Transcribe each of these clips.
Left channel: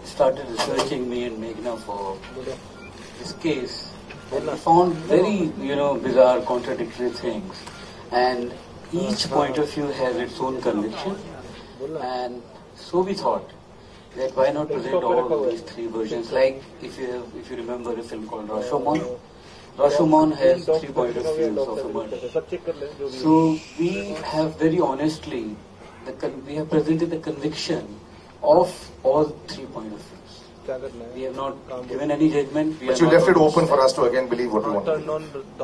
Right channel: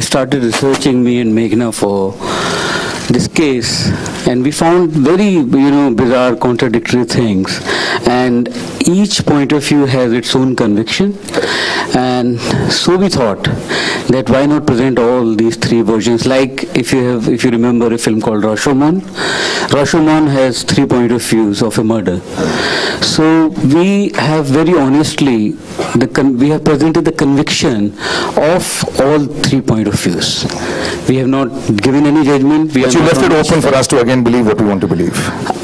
started researching me and Meghna for this case, and we found very, bizarre, contradictory things, and each point of view has its own conviction. And so we thought that why not present all these three versions? Like if you remember a film called Rashomon. Rashomon has 3 point of views of a murder. So we have very honestly, we have presented the conviction of all 3 point of views. We have not given any judgment. But you left it open for us to again believe what we want to believe.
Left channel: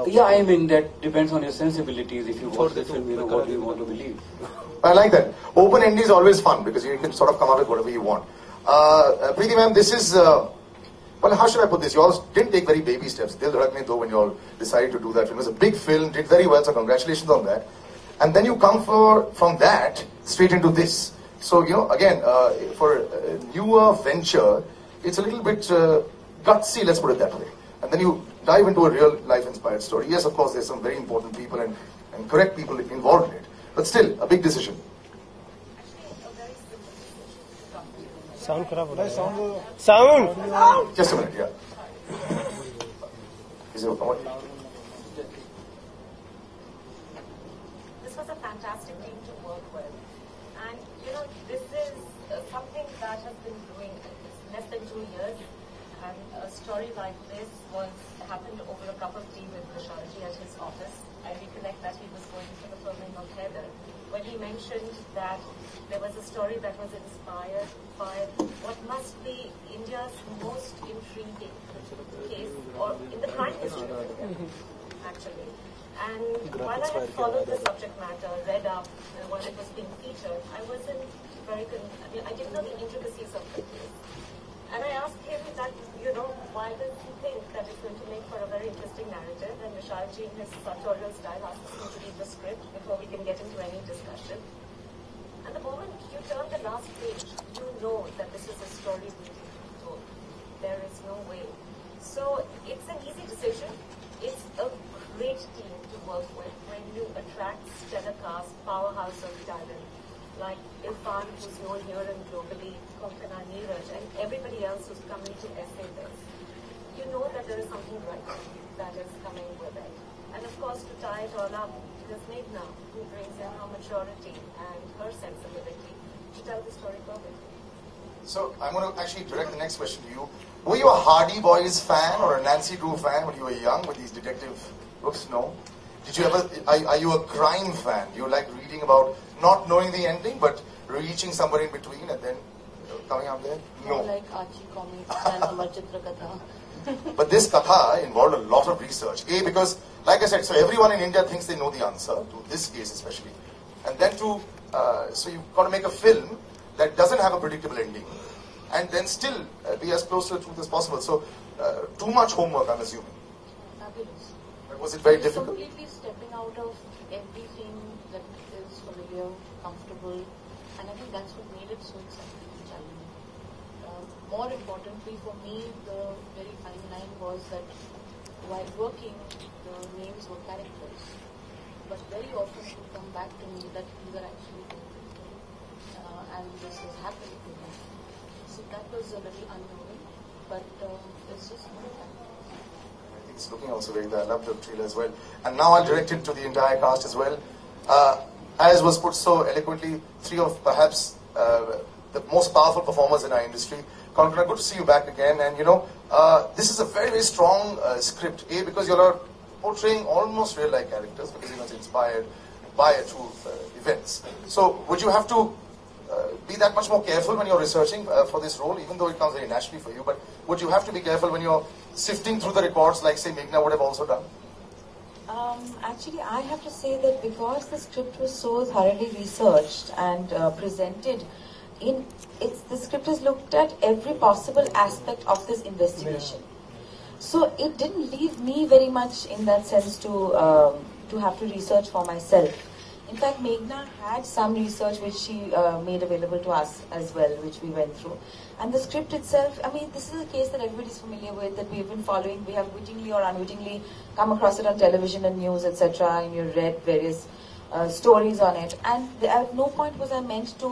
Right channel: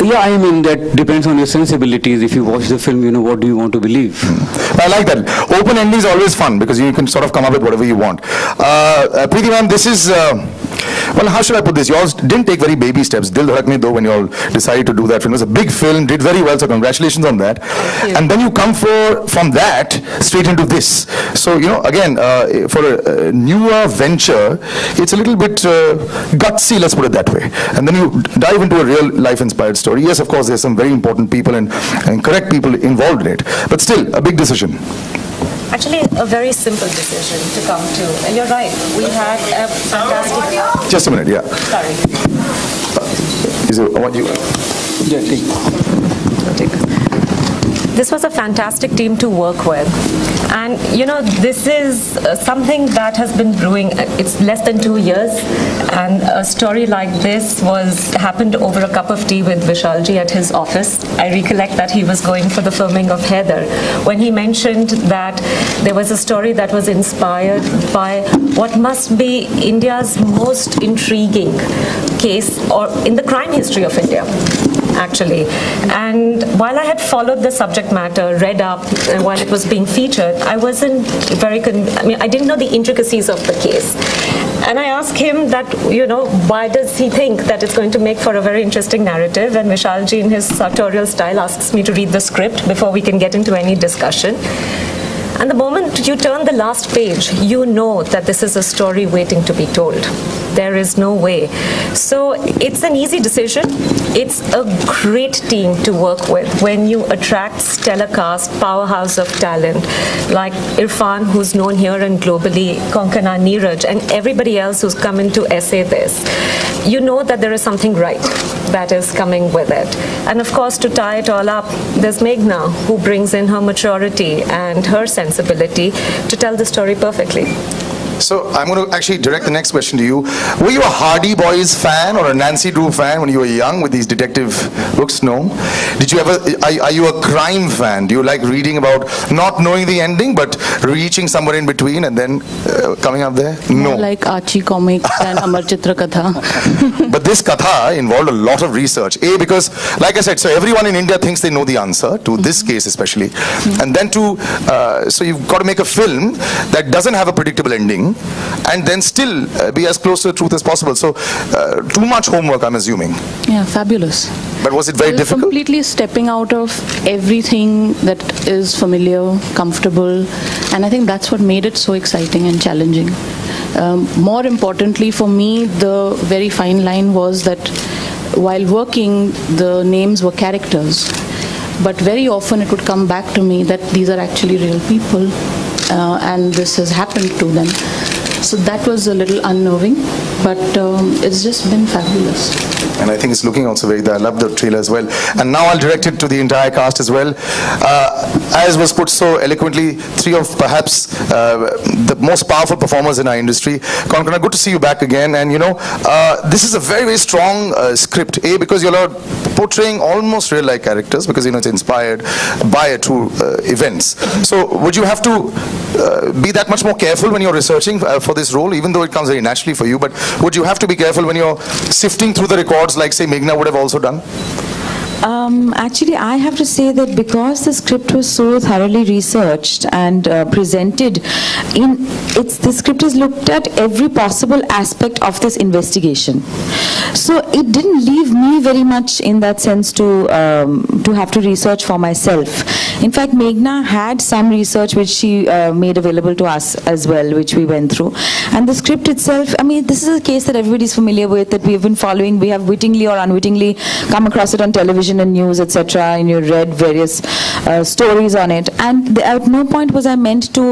Yeah, I mean, that depends on your sensibilities. If you watch the film, what do you want to believe? I like that. Open ending is always fun because you can sort of come up with whatever you want. Preeti ma'am, this is, well, how should I put this? You all didn't take very baby steps. Dil Dhadakne Do, when you all decided to do that film. It was a big film, did very well, so congratulations on that. And then you come from that straight into this. So, again, for a newer venture, it's a little bit gutsy, let's put it that way. And then you dive into a real life-inspired story. Yes, of course, there's some very important people and correct people involved in it. But still, a big decision. Actually, a very simple decision to come to. And you're right, we had a fantastic... Just a minute, yeah. Sorry. What do you... Yeah, take. This was a fantastic team to work with. And, this is something that has been brewing. It's less than 2 years. And a story like this happened over a cup of tea with Vishalji at his office. I recollect that he was going for the filming of Heather, when he mentioned that there was a story that was inspired by what must be India's most intriguing case or in the crime history of India, actually. And while I had followed the subject matter, read up, and while it was being featured, I wasn't I didn't know the intricacies of the case. And I asked him that, why does he think that it's going to make for a very interesting narrative? And Vishalji, in his sartorial style, asks me to read the script before we can get into any discussion. And the moment you turn the last page, you know that this is a story waiting to be told. There is no way. So it's an easy decision. It's a great team to work with when you attract stellar cast, powerhouse of talent, like Irfan, who's known here and globally, Konkana, Neeraj, and everybody else who's come in to essay this. You know that there is something right that is coming with it. And of course, to tie it all up, there's Meghna, who brings in her maturity and her sensibility to tell the story perfectly. So I'm going to actually direct the next question to you. Were you a Hardy Boys fan or a Nancy Drew fan when you were young with these detective books? No. Did you ever? Are you a crime fan? Do you like reading about not knowing the ending but reaching somewhere in between and then coming up there? No. Like Archie comics and Amar Chitra Katha. But this Katha involved a lot of research. Because, like I said, so everyone in India thinks they know the answer to this case especially. And then so you've got to make a film that doesn't have a predictable ending and then still be as close to the truth as possible. So too much homework, I'm assuming. Yeah, fabulous. But was it very difficult? Completely stepping out of everything that is familiar, comfortable, and I think that's what made it so exciting and challenging. More importantly for me, the very fine line was that while working, the names were characters, but very often it would come back to me that these are actually real people. And this has happened to them. So that was a little unnerving, but it's just been fabulous. And I think it's looking also very good. I love the trailer as well. And now I'll direct it to the entire cast as well. As was put so eloquently, three of perhaps the most powerful performers in our industry. Konkana, good to see you back again. And this is a very, very strong script. Because you're portraying almost real-life characters because it's inspired by true events. So would you have to be that much more careful when you're researching for this role, even though it comes very naturally for you? But would you have to be careful when you're sifting through the records like, say, Meghna would have also done? Actually, I have to say that because the script was so thoroughly researched and presented, the script is looked at every possible aspect of this investigation. So it didn't leave me very much in that sense to have to research for myself. In fact, Meghna had some research which she made available to us as well, which we went through. And the script itself, I mean, this is a case that everybody's familiar with, that we've been following. We have wittingly or unwittingly come across it on television and news, etc., and you read various stories on it. And at no point was I meant to,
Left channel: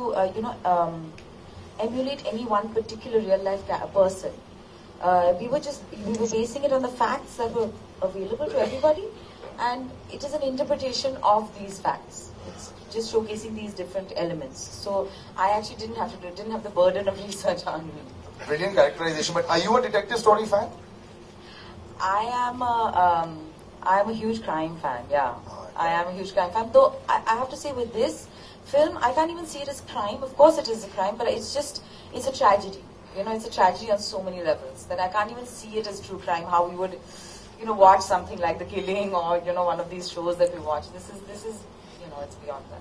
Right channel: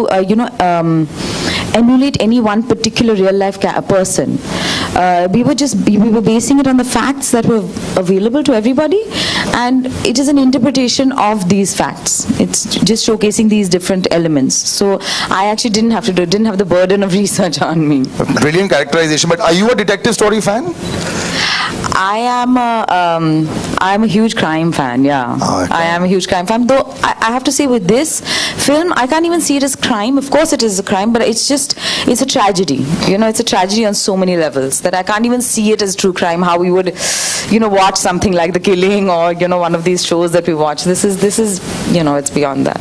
emulate any one particular real life person. We were basing it on the facts that were available to everybody, and it is an interpretation of these facts. It's just showcasing these different elements. So I actually didn't have the burden of research on me. Brilliant characterization. But are you a detective story fan? I'm a huge crime fan, yeah. Oh, okay. I am a huge crime fan. Though I have to say, with this film, I can't even see it as crime. Of course it is a crime, but it's a tragedy. It's a tragedy on so many levels that I can't even see it as true crime, how we would, watch something like The Killing or, one of these shows that we watch. This is, it's beyond that.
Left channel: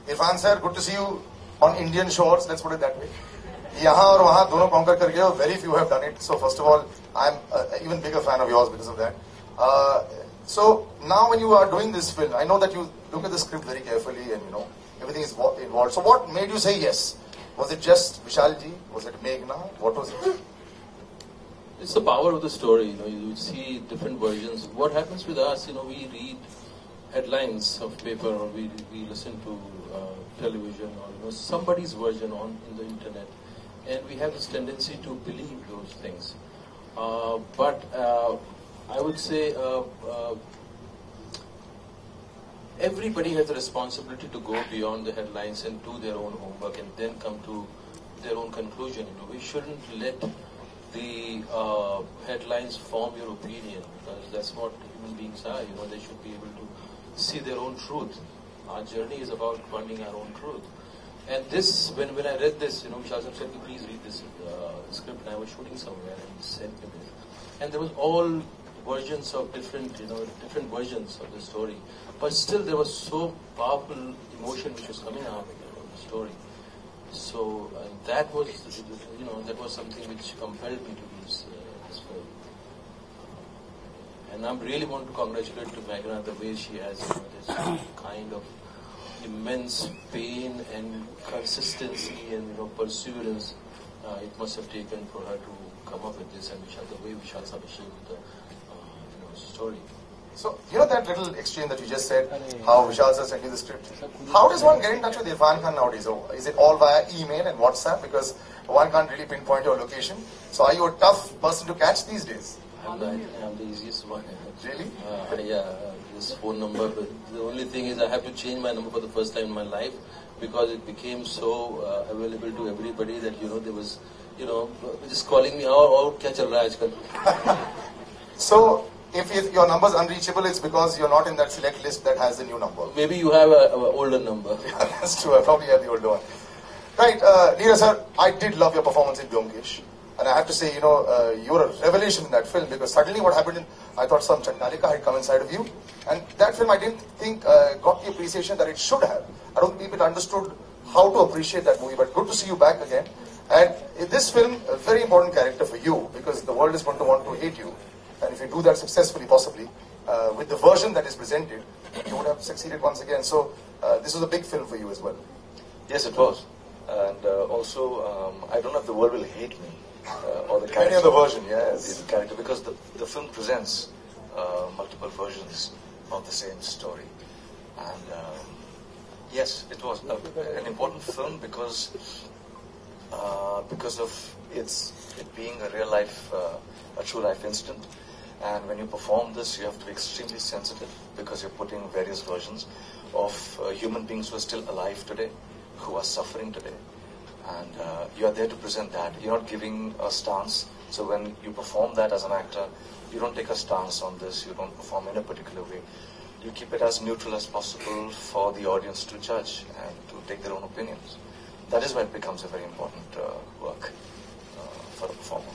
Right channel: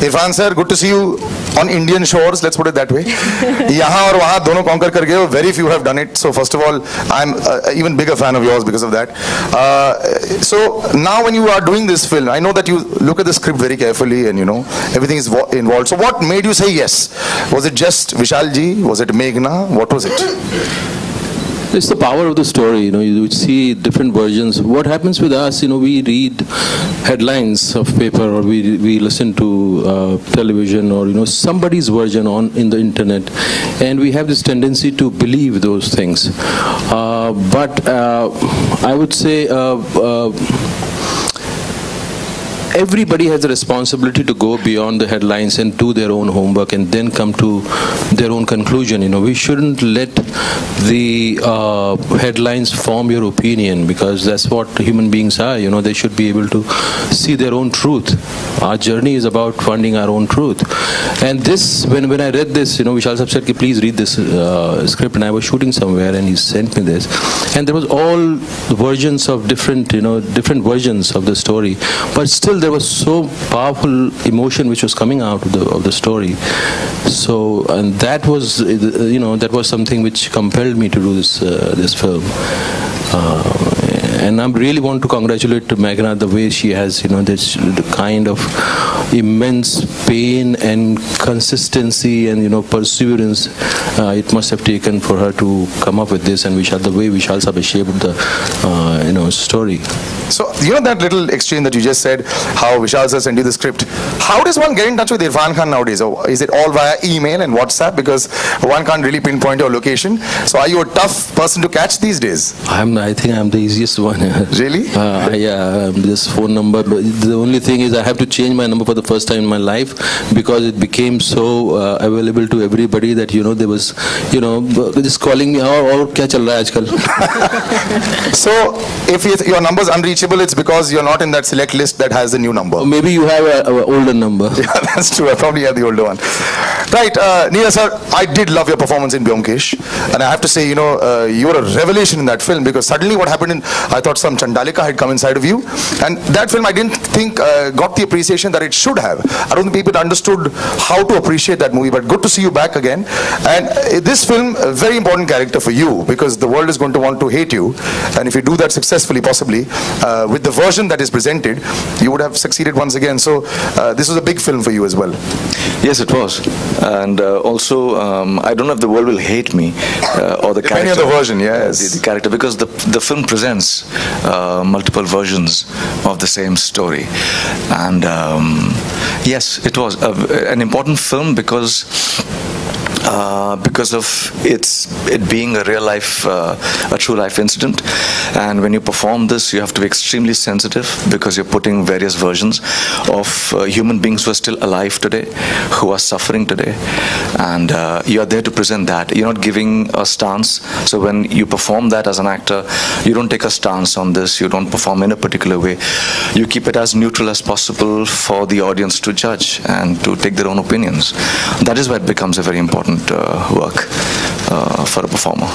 Irfan sir, good to see you on Indian shores, let's put it that way. Yahan aur wahan dono conquer kar gaye ho. Very few have done it. So first of all, I'm even bigger fan of yours because of that. So now when you are doing this film, I know that you look at the script very carefully and everything is involved. So what made you say yes? Was it just Vishal ji? Was it Meghna? What was it? It's the power of the story, you see different versions. What happens with us, we read headlines of paper, or we listen to television, or somebody's version in the internet, and we have this tendency to believe those things. But I would say everybody has a responsibility to go beyond the headlines and do their own homework and then come to their own conclusion. We shouldn't let the headlines form your opinion, because that's what human beings are. They should be able to see their own truth. Our journey is about finding our own truth. And this, when I read this, Vishal Sahab said, please read this script, and I was shooting somewhere and he sent me this. And there was all versions of different versions of the story. But still there was so powerful emotion which was coming out of the story. So, and that was, that was something which compelled me to do this film. And I really want to congratulate Meghna the way she has, this kind of immense pain and consistency and perseverance it must have taken for her to come up with this, and the way Vishal Sahab shaped the story. So that little exchange that you just said, how Vishal sir sent you the script. How does one get in touch with Irfan Khan nowadays? Or is it all via email and WhatsApp, because one can't really pinpoint your location? So are you a tough person to catch these days? I think I'm the easiest one. Really? Yeah, this phone number. But the only thing is I have to change my number for the first time in my life, because it became so available to everybody that there was just calling me, oh kya chal raha hai aajkal. So if your number is unreachable, it's because you're not in that select list that has the new number. Or maybe you have an older number. Yeah, that's true. I probably have the older one. Right, Neera sir, I did love your performance in Byomkesh, and I have to say, you were a revelation in that film, because suddenly what happened I thought some Chandalika had come inside of you, and that film I didn't think got the appreciation that it should have. I don't think people understood how to appreciate that movie, but good to see you back again. And this film, a very important character for you, because the world is going to want to hate you, and if you do that successfully, possibly, with the version that is presented, you would have succeeded once again. So this was a big film for you as well. Yes, it was. And also, I don't know if the world will hate me or the depending character. on the version, yes. The character, because the film presents multiple versions of the same story. And yes, it was an important film because of it being a real life, a true life incident. And when you perform this, you have to be extremely sensitive, because you're putting various versions of human beings who are still alive today, who are suffering today. And you're there to present that. You're not giving a stance. So when you perform that as an actor, you don't take a stance on this. You don't perform in a particular way. You keep it as neutral as possible for the audience to judge and to take their own opinions. That is why it becomes a very important work for a performer.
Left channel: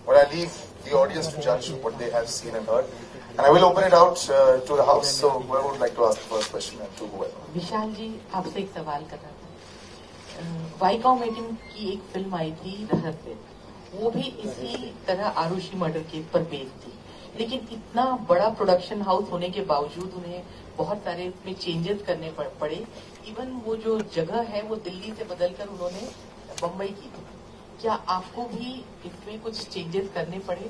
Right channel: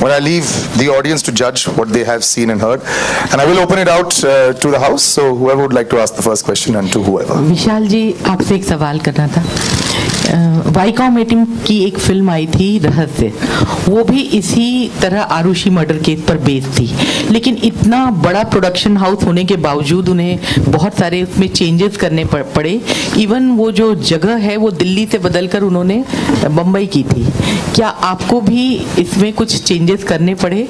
Well, I leave the audience to judge what they have seen and heard, and I will open it out to the house. So whoever would like to ask the first question, and to whoever. विशाल जी, आपसे एक सवाल करना था. Viacom एटिम की एक film आई थी रहस्य, वो भी इसी तरह आरुषि मर्डर केस पर बेस्ड थी, लेकिन इतना बड़ा प्रोडक्शन हाउस होने के बावजूद उन्हें बहुत सारे उसमें चेंजेस करने पड़े. इवन वो जो जगह है वो दिल्ली से बदलकर उन्होंने बम्बई की थी. क्या आपको भी इसमें कुछ चेंजेस करने पड़े?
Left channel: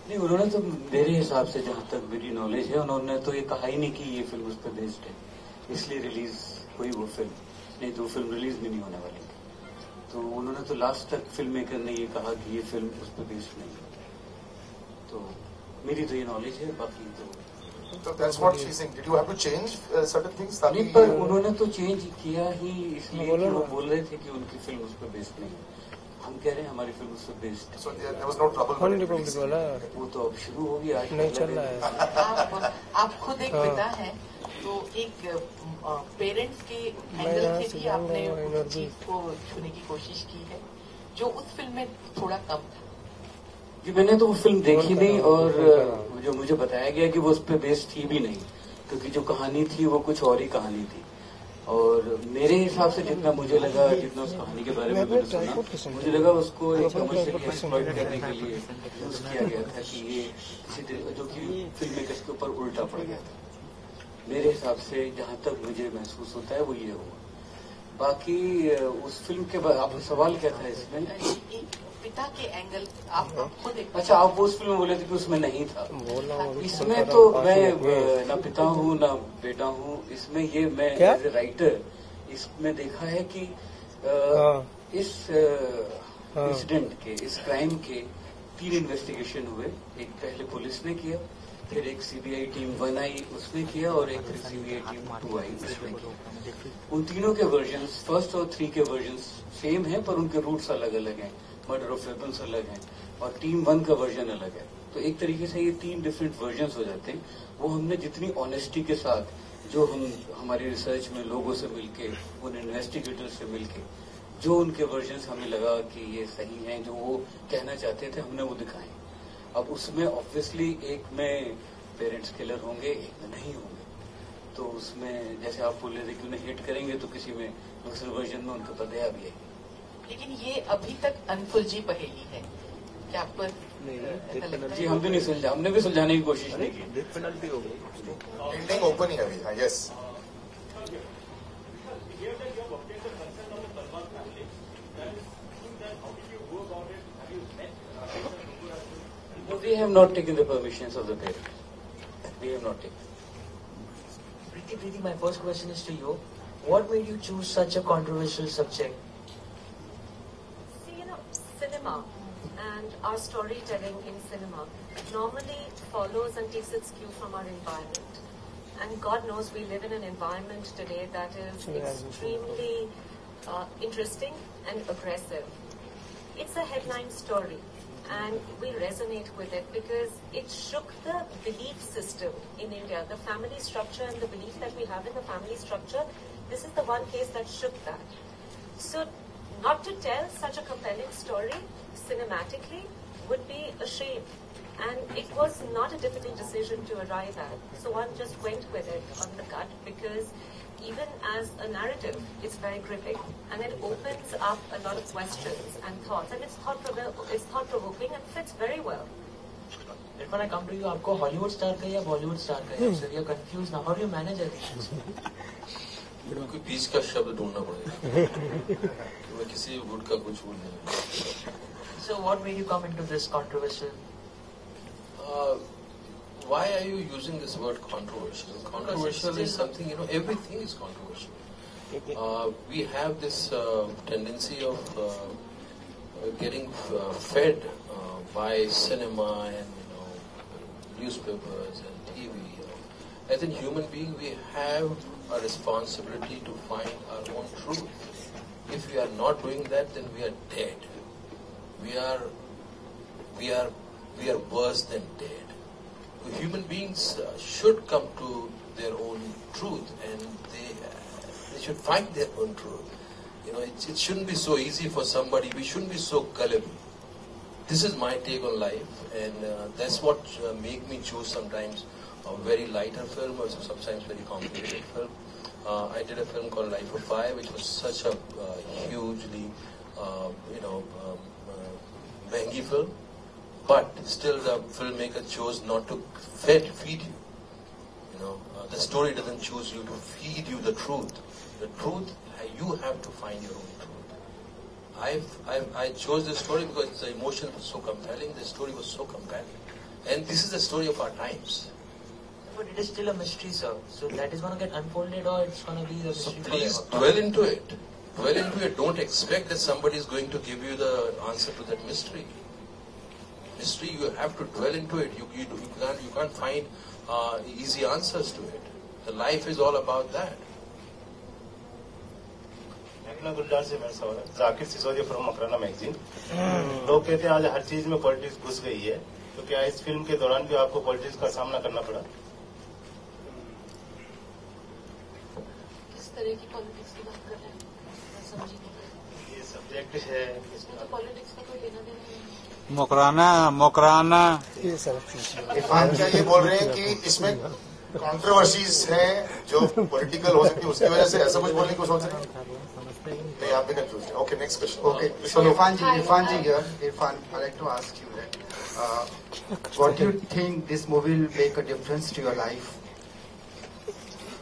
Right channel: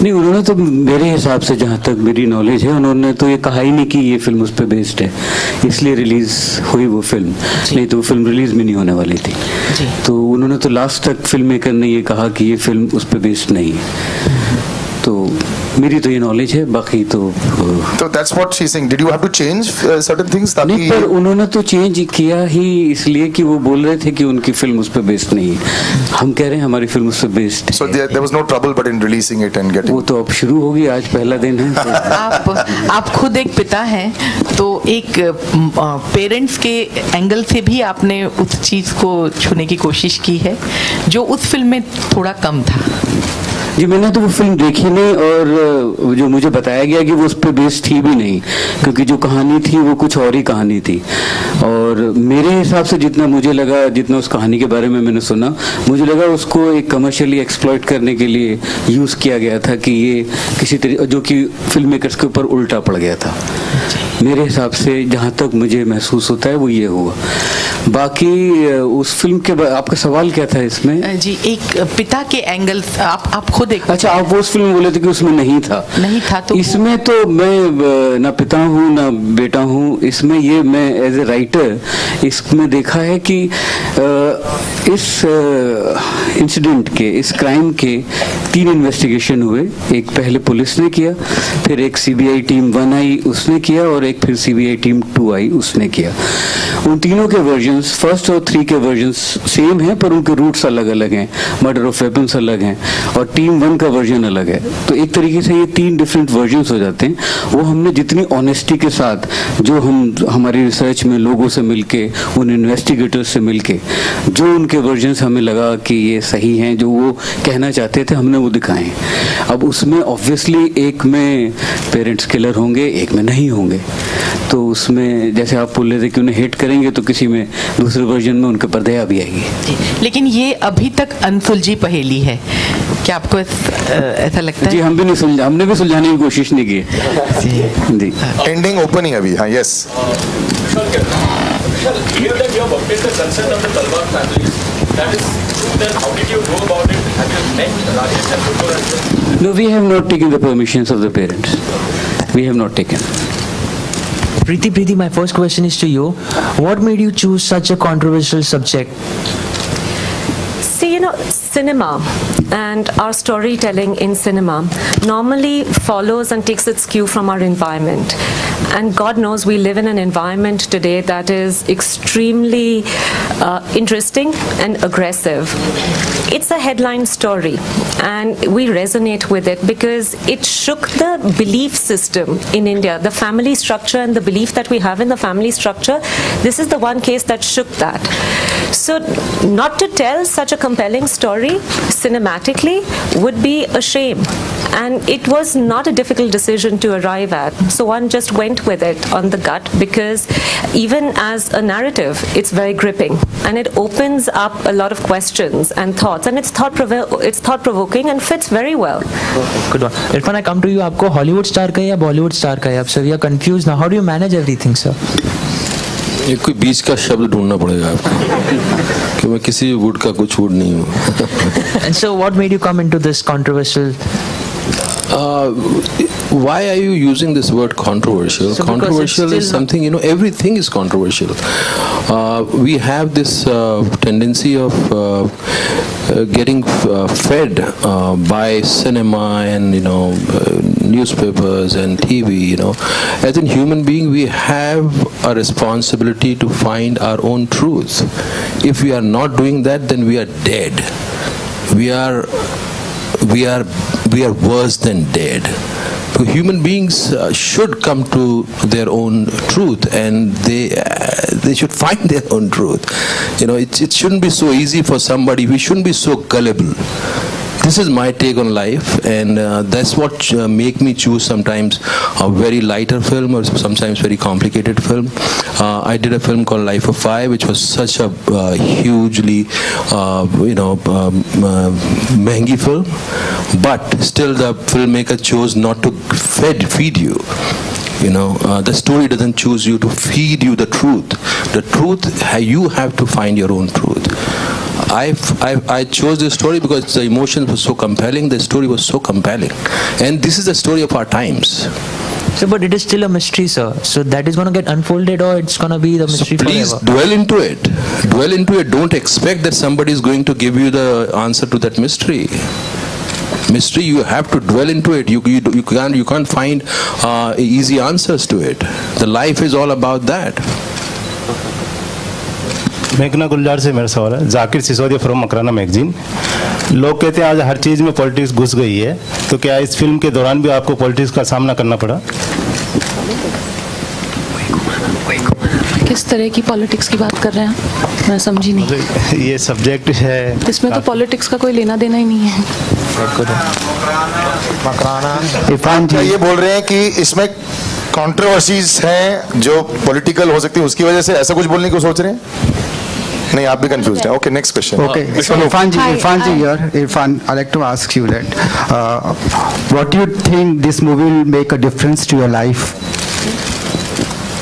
नहीं, उन्होंने तो मेरे हिसाब से, जहाँ तक मेरी नॉलेज है, उन्होंने तो ये कहा ही नहीं कि ये फिल्म उस पर बेस्ड है, इसलिए रिलीज हुई वो फिल्म, नहीं तो वो फिल्म रिलीज भी नहीं होने वाली थी। तो उन्होंने तो लास्ट तक फिल्म मेकर ने ये कहा कि ये फिल्म उस पर बेस्ड नहीं है। तो मेरी तो ये नॉलेज है, बाकी तो that's what she's saying. Did you have to change certain things? नहीं, पर उन्होंने तो चेंज किया ही इसलिए कि वो बोल रहे थे कि उनकी फिल्म उस पर बेस्ड नहीं है। हम कह रहे हैं हमारी फिल्म उस पर बेस्ड है। So there was no trouble but in releasing it and getting. वो तो अब शुरू होगी, आज पहला दिन है। आप खुद एक पिता हैं, तो एक पेरेंट्स के एंगल से भी आपने उस चीज को छूने की कोशिश की है जो उस फिल्म में थोड़ा कम था। जी, मैंने तो वो फिल्म देखी नहीं, और जो मुझे बताया गया कि वो उस पर बेस्ड थी भी नहीं, क्योंकि जो कहानी थी वो कुछ और ही कहानी थी। और मेरे हिसाब से जितना मुझे लगा, जितना उस कहानी के बारे में मैंने सुना, मुझे लगा उसको एक कमर्शियली एक्सप्लॉइट करने के लिए यूज़ किया गया था, कि ये किसी तरीके, जो कि फिल्म मेकर्स के ऊपर उल्टा पड़ गया था। मेरे हिसाब से जहाँ तक मुझे महसूस होता है वो ये हुआ। बाकी उस फिल्म के आपका सवाल क्या था इसमें? जी, एक पिता के एंगल, आप खुद एक, अच्छा, आप वो उस फिल्म बोले थे कि उसमें नहीं था तो इसमें तो मैं ना पिता हूँ ना बेटा हूँ। इसमें ये मैं एज ए राइटर इसमें देखा है कि इस इंसिडेंट के, इस क्राइम के 3 इन्वेस्टिगेशन हुए। एक पहले पुलिस ने किया, फिर एक CBI टीम 1 आई उसने किया, और एक फिर CBI टीम 2 आई उसने किया। उन तीनों के वर्जन्स, फर्स्ट और 3 के वर्जन्स सेम हैं, पर उनके रूट्स अलग अलग हैं, मर्डर ऑफ वेपन्स अलग हैं, और टीम 1 का वर्जन अलग है। तो एक तरीके से ये 3 डिफरेंट वर्जन्स हो जाते हैं। वो हमने जितनी ऑनेस्टी के साथ, जो हम हमारी रिसर्च में लोगों से मिलके, उन इन्वेस्टिगेटर्स से मिलके, जो उनके वर्जन्स हमें लगा कि ये सही हैं, जो वो कहना चाहते थे, हमने वो दिखाए। अब उसमें ऑब्वियसली एक में पेरेंट्स किलर होंगे, एक में नहीं होंगे। तो उसमें जैसे आप बोल रहे थे कि उन्हें हेट करेंगे, तो किसी में दूसरे वर्जन में उनके पर दया भी आएगी। लेकिन ये अभी तक अनसुलझी पहेली है, क्या आपको ऐसा लगता है? जी, हम भी नहीं सुलझा, हमने भी सुलझाने की कोशिश नहीं की जी। एंडिंग ओपन ही अभी। हाँ, yes. No, we have not taken the permissions of the parents. We have not taken. Preeti, my first question is to you. What made you choose such a controversial subject? See, cinema and our storytelling in cinema normally follows and takes its cue from our environment. And God knows we live in an environment today that is extremely interesting and aggressive. It's a headline story, and we resonate with it because it shook the belief system in India, the family structure and the belief that we have in the family structure. This is the one case that shook that. So not to tell such a compelling story cinematically would be a shame, and it was not a difficult decision to arrive at. So one just went with it on the gut, because even as a narrative, it's very gripping, and it opens up a lot of questions and thoughts, and it's thought-provoking and fits very well. Good one. Irfan, I come to you. आपको Hollywood star का या Bollywood star का है? Sir, we are confused now. How do you manage everything, sir? ये कोई बीच का शब्द ढूंढना पड़ेगा आपको, कि मैं किसी वुड का कुछ वुड नहीं हूँ। And so, what made you come into this controversial? Why are you using this word controversial? So controversial is something, everything is controversial. We have this tendency of getting fed by cinema and, newspapers and TV, As a human being, we have a responsibility to find our own truth. If we are not doing that, then we are dead. We are worse than dead. So human beings should come to their own truth, and they should find their own truth. It shouldn't be so easy for somebody. We shouldn't be so gullible. This is my take on life, and that's what make me choose sometimes a very lighter film or sometimes very complicated film. I did a film called Life of Pi, which was such a hugely, महंगी film, but still the filmmaker chose not to feed you. The story doesn't choose you to feed you the truth. The truth, you have to find your own truth. I chose this story because the emotion was so compelling, the story was so compelling, and this is the story of our times. So, but it is still a mystery, sir. So that is going to get unfolded, or it's going to be the mystery Please forever? dwell into it. Dwell into it. Don't expect that somebody is going to give you the answer to that mystery. Mystery, you have to dwell into it. You can't find easy answers to it. The life is all about that. मेघना गुलजार से मेरा सवाल है। Zakir Sisodia from Makrana magazine. लोग कहते हैं आज हर चीज़ में पॉलिटिक्स घुस गई है, तो क्या इस फिल्म के दौरान भी आपको पॉलिटिक्स का सामना करना पड़ा? किस तरह की पॉलिटिक्स की बात कर रहे हैं? मैं समझी नहीं। ये सब्जेक्ट है, इसमें तो पॉलिटिक्स का कोई लेना देना ही नहीं है। इरफान जी ये बोल रहे हैं कि इसमें कंट्रोवर्सीज हैं जो पॉलिटिकल हो सकती है, उसकी वजह से ऐसा कुछ बोलने को सोच रहे हैं? नहीं, आप भी कंफ्यूज हैं। Okay, next question. Okay, so Irfan ji here. Irfan, I'd like to ask you that what do you think this movie will make a difference to your life?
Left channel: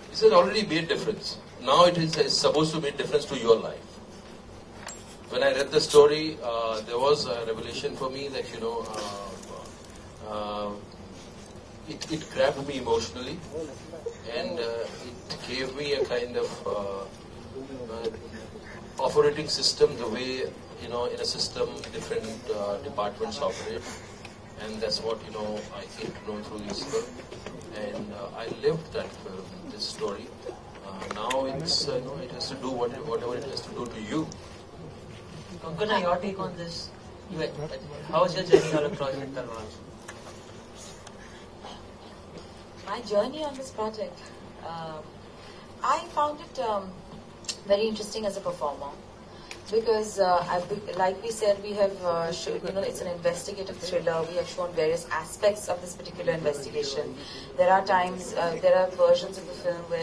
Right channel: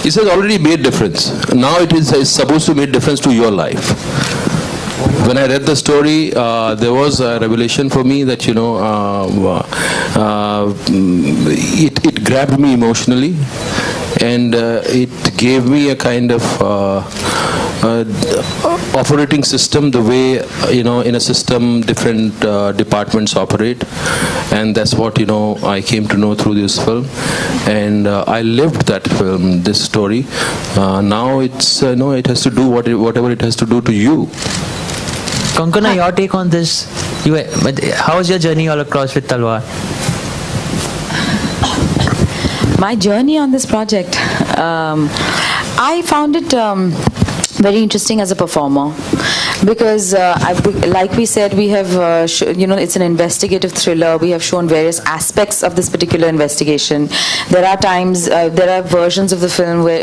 It has already made difference. Now it is supposed to make difference to your life. When I read the story, there was a revelation for me that it grabbed me emotionally, and it gave me a kind of operating system, the way in a system different departments operate, and that's what I came to know through this film, and I lived that film, this story. Now it's it has to do whatever it has to do to you. Konkona, your take on this? How was your journey all across with Talwar? My journey on this project, I found it very interesting as a performer, because like we said, we have it's an investigative thriller. We have shown various aspects of this particular investigation. There are times, there are versions of the film where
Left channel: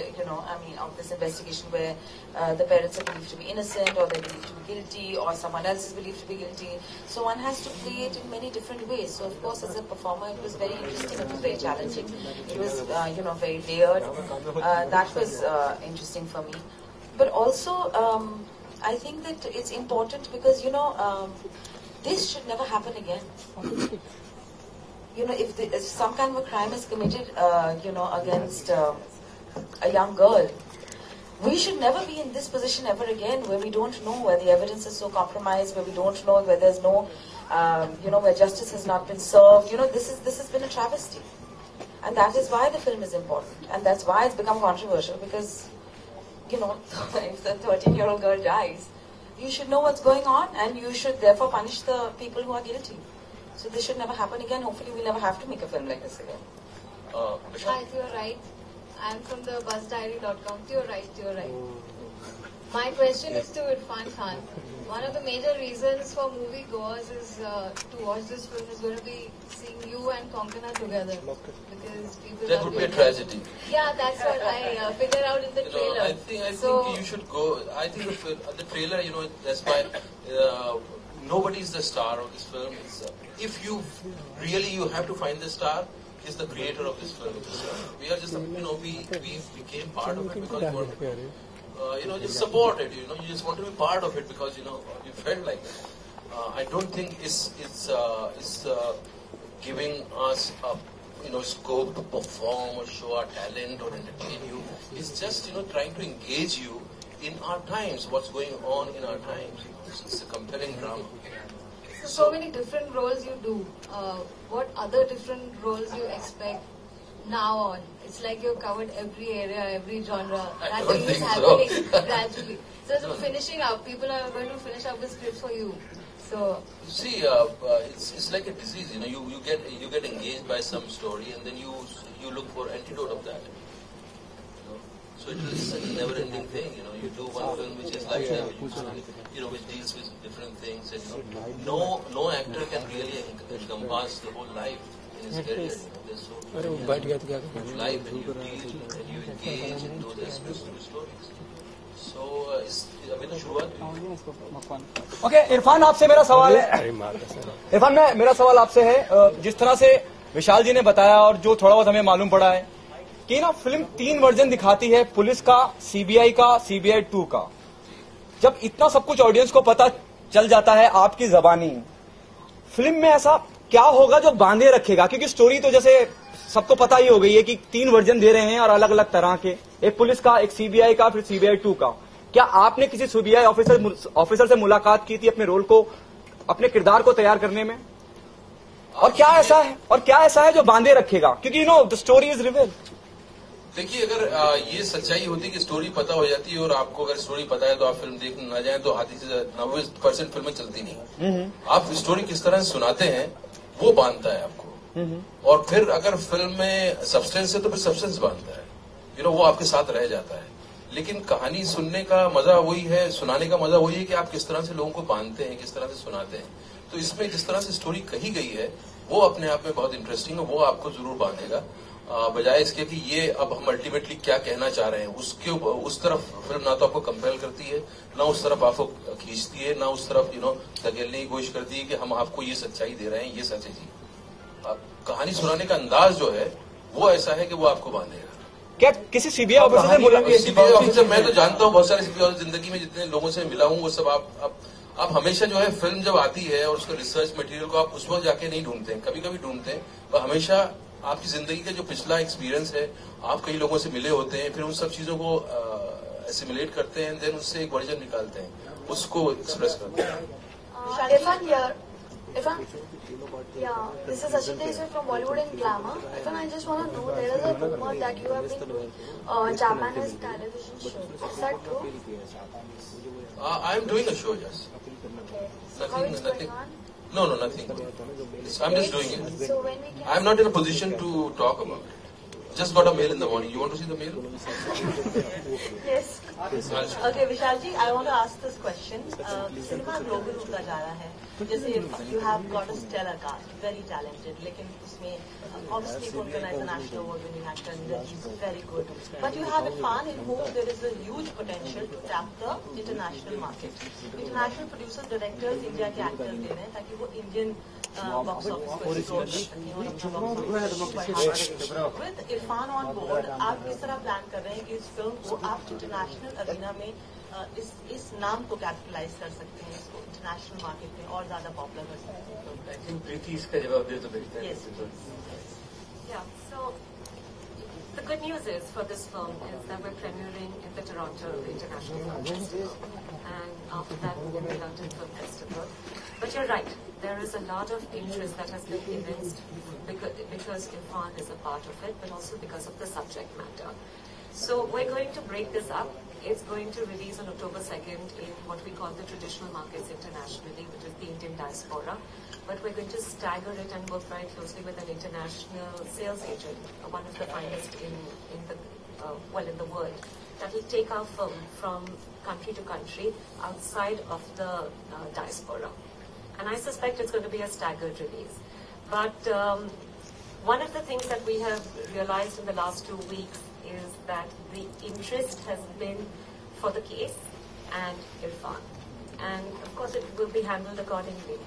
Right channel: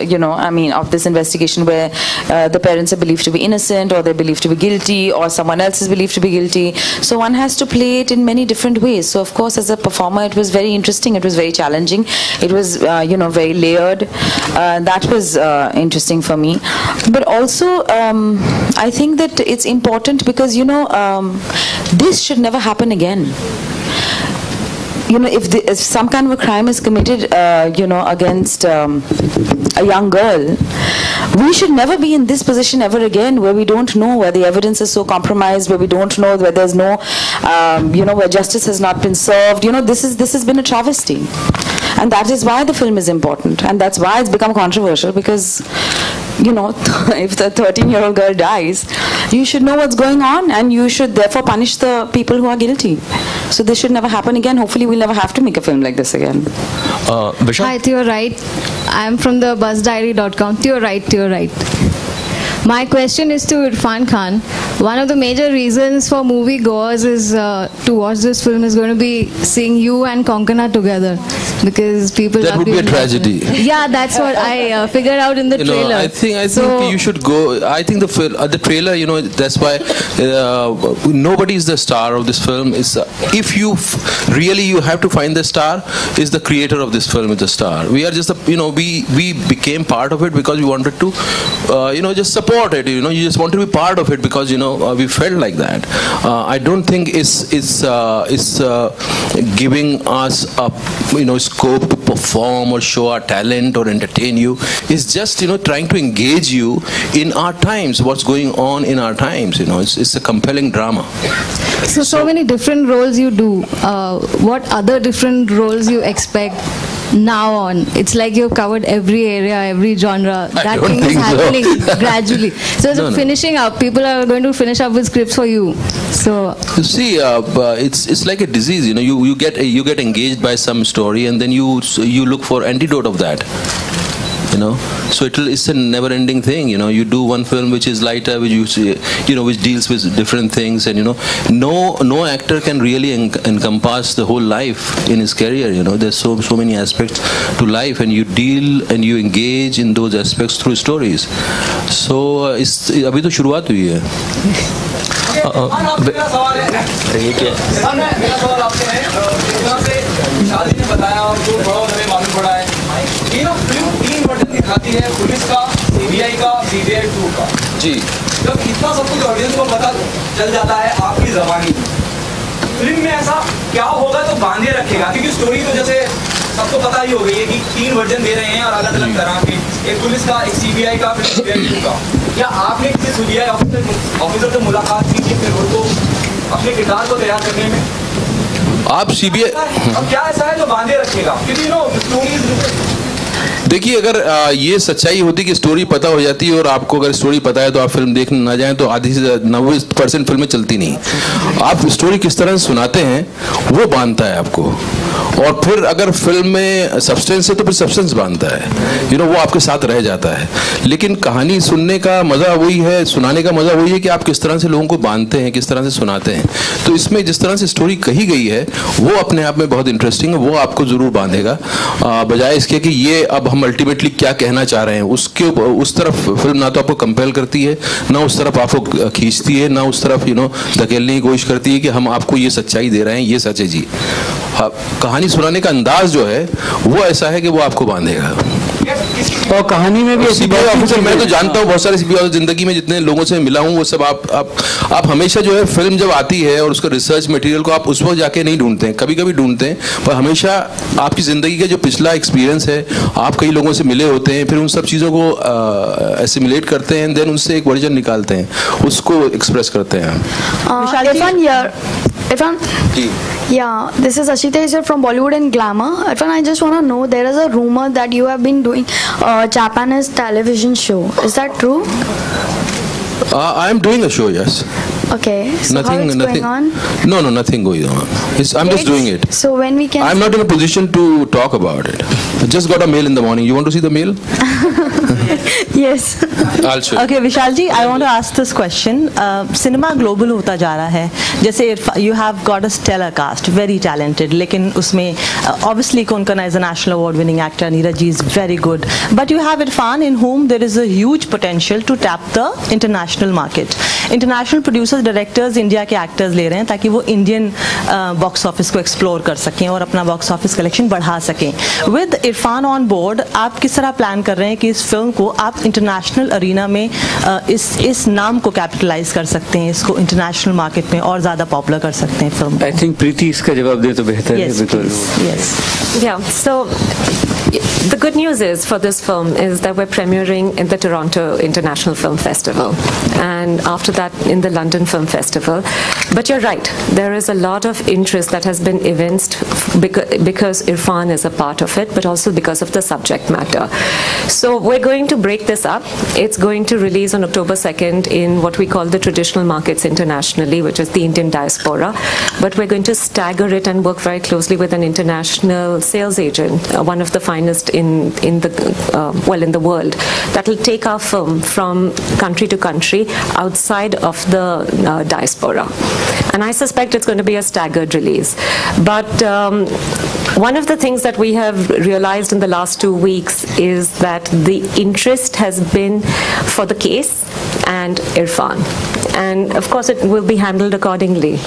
of this investigation where the parents are believed to be innocent, or they're believed to be guilty, or someone else is believed to be guilty. So one has to play it in many different ways. So of course, as a performer, it was very interesting. It was very challenging. It was very layered. That was interesting for me. But also, I think that it's important because this should never happen again. If some kind of a crime is committed, against a young girl, we should never be in this position ever again, where we don't know, where the evidence is so compromised, where we don't know, where there's no, where justice has not been served. This has been a travesty, and that is why the film is important, and that's why it's become controversial, because if the 13-year-old girl dies, you should know what's going on, and you should therefore punish the people who are guilty. So this should never happen again. Hopefully we'll never have to make a film like this again. Hi, Theo Wright. I'm from the BuzzDiary.com. Theo Wright. My question is to Irfan Khan. One of the major reasons for movie goers is to watch this film is going to be seeing you and Konkona together, because people that would be a tragedy. Yeah, that's what I figured out in the trailer. I think you should go. I think the trailer, that's why nobody is the star of this film. If you really you have to find the star, is the creator of this film is the star. We are just we became part of it because we wanted to just support it. You just want to be part of it because we felt like that. I don't think it's giving us a scope to perform or show our talent or entertain you. It's just trying to engage you in our times, what's going on in our times. It's a compelling drama. So many different roles you do. What other different roles you expect now on? It's like you've covered every area, every genre. That thing is happening gradually. So finishing up, people are going to finish up with scripts for you. So you see, it's like a disease. You get engaged by some story, and then you look for antidote of that. So it's a never-ending thing. You do one film which is lighter, which which deals with different things, and no actor can really encompass the whole life in his career. There's so many aspects to life, and you deal and you engage in those aspects through stories. So अभी तो शुरुआत हुई है. तीन version दिखाती है, police का, CBI का, सीबीआई 2 का. जी. जब इतना सब कुछ ऑडियंस को पता चल जाता है आपकी ज़बानी, फिल्म में ऐसा क्या होगा जो बांधे रखेगा? क्योंकि स्टोरी तो जैसे सबको पता ही हो गई है कि 3 वर्जन दे रहे हैं और अलग अलग तरह के, एक पुलिस का, एक CBI का, फिर CBI का। क्या आपने किसी CBI ऑफिसर से मुलाकात की थी फिर उनको अपने किरदार को तैयार करने में? आप CBI और क्या ऐसा है जो बांधे रखेगा? क्योंकि स्टोरी देखिए, अगर ये सच्चाई होती कि स्टोरी पता हो जाती है और आपको अगर स्टोरी पता है तो आप फिल्म देखने ना जाएं तो आधी से 90% फिल्में चलती नहीं। आप स्टोरी किस तरह से सुनाते हैं वो बांधता है आपको, और फिर अगर फिल्म में सब्सटेंस है तो फिर सब्सटेंस बांधता है, वो आपके साथ रह जाता है। लेकिन कहानी सुनने का मजा वही है, सुनाने का मजा वही है कि आप किस तरह से लोगों को बांधते हैं, किस तरह से सुनाते हैं। तो इसमें जिस तरह से स्टोरी कही गई है वो अपने आप में बहुत इंटरेस्टिंग है, वो आपको जरूर बांधेगा, बजाय इसके कि ये अब हम अल्टीमेटली क्या कहना चाह रहे हैं। उसके उस तरफ फिल्म ना तो आपको कंपेल करती है, ना उस तरफ आपको खींचती है, ना उस तरफ धकेलने की कोशिश करती है कि हम आपको ये सच्चाई दे रहे हैं, ये सच है जी। कहानी सुनाने का अंदाज जो है वो ऐसा है कि वो आपको बांधेगा। और कहानी में भी CBI ऑफिसर मैं तो जानता हूँ, बहुत सारे CBI ऑफिसर जिंदगी में जितने लोगों से मिला हूँ वो सब आप हमेशा जो है फिल्म जब आती है और उसका रिसर्च मटेरियल को आप उस वक्त जाके नहीं ढूंढते हैं, कभी कभी ढूंढते हैं, पर हमेशा आपकी जिंदगी का जो पिछला एक्सपीरियंस है, आप कई लोगों से मिले होते हैं, फिर उन सब चीज़ों को एसिमुलेट करते हैं, देन उनसे एक वर्जन निकालते हैं, उसको एक्सप्रेस करते हैं। Irfan, yeah, this is Ashita here from Bollywood and Glamour. Irfan, I just want to know, there is a rumor that you have been doing a Japanese television show. Is that true? I am doing a show, yes. Okay. So nothing going on? No, nothing going on. I'm just doing it. So when we can... I'm not in a position to talk about it. I just got a mail in the morning. You want to see the mail? Yes. I'll show you. Okay, Vishal ji, I want to ask this question. Cinema global होता जा रहा है. जैसे you have got a stellar cast, very talented. लेकिन उसमें obviously Konkana is a national award-winning actor. Neeraj ji is very good. But you have Irfan, in whom there is a huge potential to tap the international market. International producers, directors, India के actors ले रहे हैं ताकि वो Indian box office को explore कर सकें और अपना box office collection बढ़ा सकें. With Irfan on board, आप किस तरह plan कर रहे हैं कि इस फिल्म को आप इंटरनेशनल अरीना में इस नाम को कैपिटलाइज कर सकते हैं, इसको इंटरनेशनल मार्केट में और ज़्यादा पॉपुलर कर सकते हैं फिल्म? आई थिंक प्रीति इसका जवाब दे तो बेहतर है, because so the good news is for this film is that we're premiering in the Toronto International Film Festival and after that in the London Film Festival. But you're right, there is a lot of interest that has been evinced because Irfan is a part of it, but also because of the subject matter. So we're going to break this up. It's going to release on October 2nd in what we call the traditional markets internationally, which is the Indian diaspora. But we're going to stagger it and work very closely with an international sales agent, one of the finest in the world, that will take our film from country to country outside of the diaspora. And I suspect it's going to be a staggered release. But one of the things that we have realized in the last 2 weeks is that the interest has been for the case and Irfan. And of course it will be handled accordingly.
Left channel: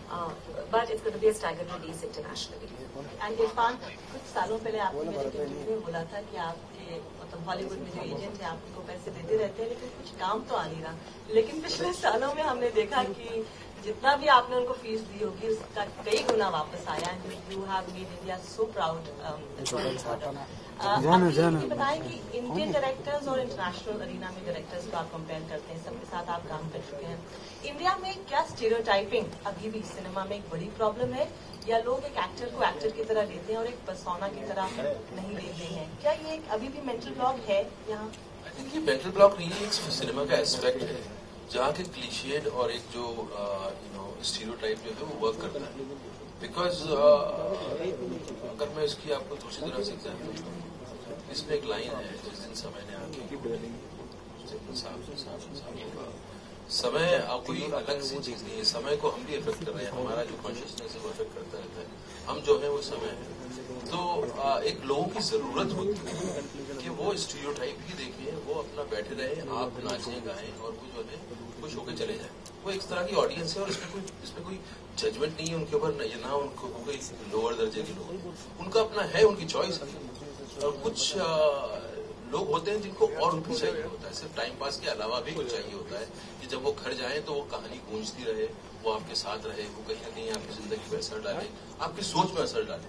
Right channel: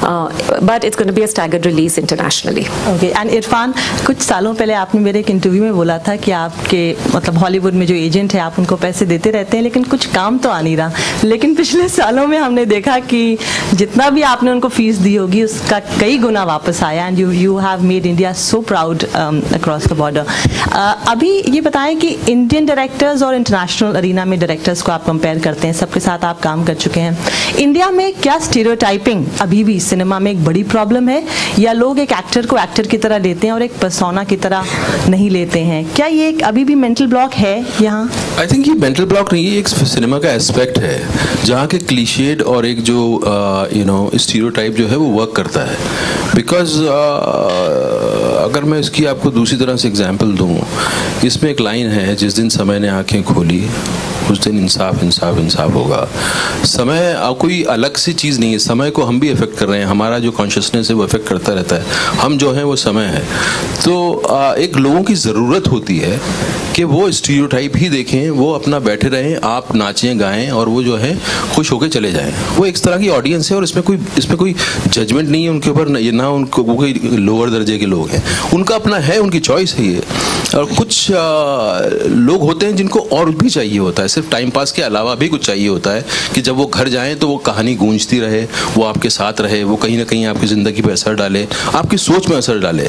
But it's going to be a staggered release internationally. Okay. And Irfan, कुछ सालों पहले आपने मेरे एक interview में बोला था कि आपके मतलब हॉलीवुड में जो एजेंट है आप उनको पैसे देते रहते हैं लेकिन कुछ काम तो आ नहीं रहा. लेकिन पिछले सालों में हमने देखा कि जितना भी आपने उनको फीस दी होगी उसका कई गुना वापस आया. And you have made India so proud across the border. अभी ये बताएं कि इंडियन डायरेक्टर्स और इंटरनेशनल अरीना में डायरेक्टर्स को आप कंपेयर करते हैं, सबके साथ आप काम कर चुके हैं. इंडिया में क्या स्टीरियोटाइपिंग अभी भी सिनेमा में एक बड़ी प्रॉब्लम है या लोग एक एक्टर को एक्टर की तरह लेते हैं और एक पर्सोना की तरह नहीं लेते हैं? क्या ये एक अभी भी मेंटल ब्लॉक है यहाँ? आई थिंक ये मेंटल ब्लॉक नहीं है, एक सिनेमा का एस्पेक्ट है जहाँ के क्लीशेड और एक जो स्टीरियोटाइप जो है वो वर्क करता है. बिकॉज अगर मैं इसकी आपको दूसरी तरह से एग्जांपल दूँ, इसमें एक लाइन है, जिस दिन समय ने आंखें खोली उस दिन इंसाफ इंसाफ इंसाफ होगा. समय कोई अलग सी चीज़ नहीं है, समय को हम भी इफेक्ट कर रहे हैं, हमारा जो कॉन्शियसनेस है वो इफेक्ट करता रहता है. हम जो हैं वो समय है. तो एक लोगों की ज़रूरत होती है कि वो स्टीरियोटाइप ही देखें, वो अपना बैठे रहें, आप नाचें गाएं और वो जो है खुश होकर चले जाएं। वो एक तरह की ऑडियंस है और इसमें कोई जजमेंट नहीं है उनके ऊपर, ये ना उनको वो कोई लोअर दर्जे के लोग हैं, उनका अपना है, उनकी चॉइस है ये। और कुछ लोग होते हैं जिनको और भी चाहिए होता है, सिर्फ टाइम पास के अलावा भी कुछ चाहिए होता है कि जब वो घर जाएं तो वो कहानी गूंजती रहे, वो आपके साथ रहे, वो कहीं ना कहीं आपकी ज़िंदगी पे असर डाले, आपकी सोच में असर डाले,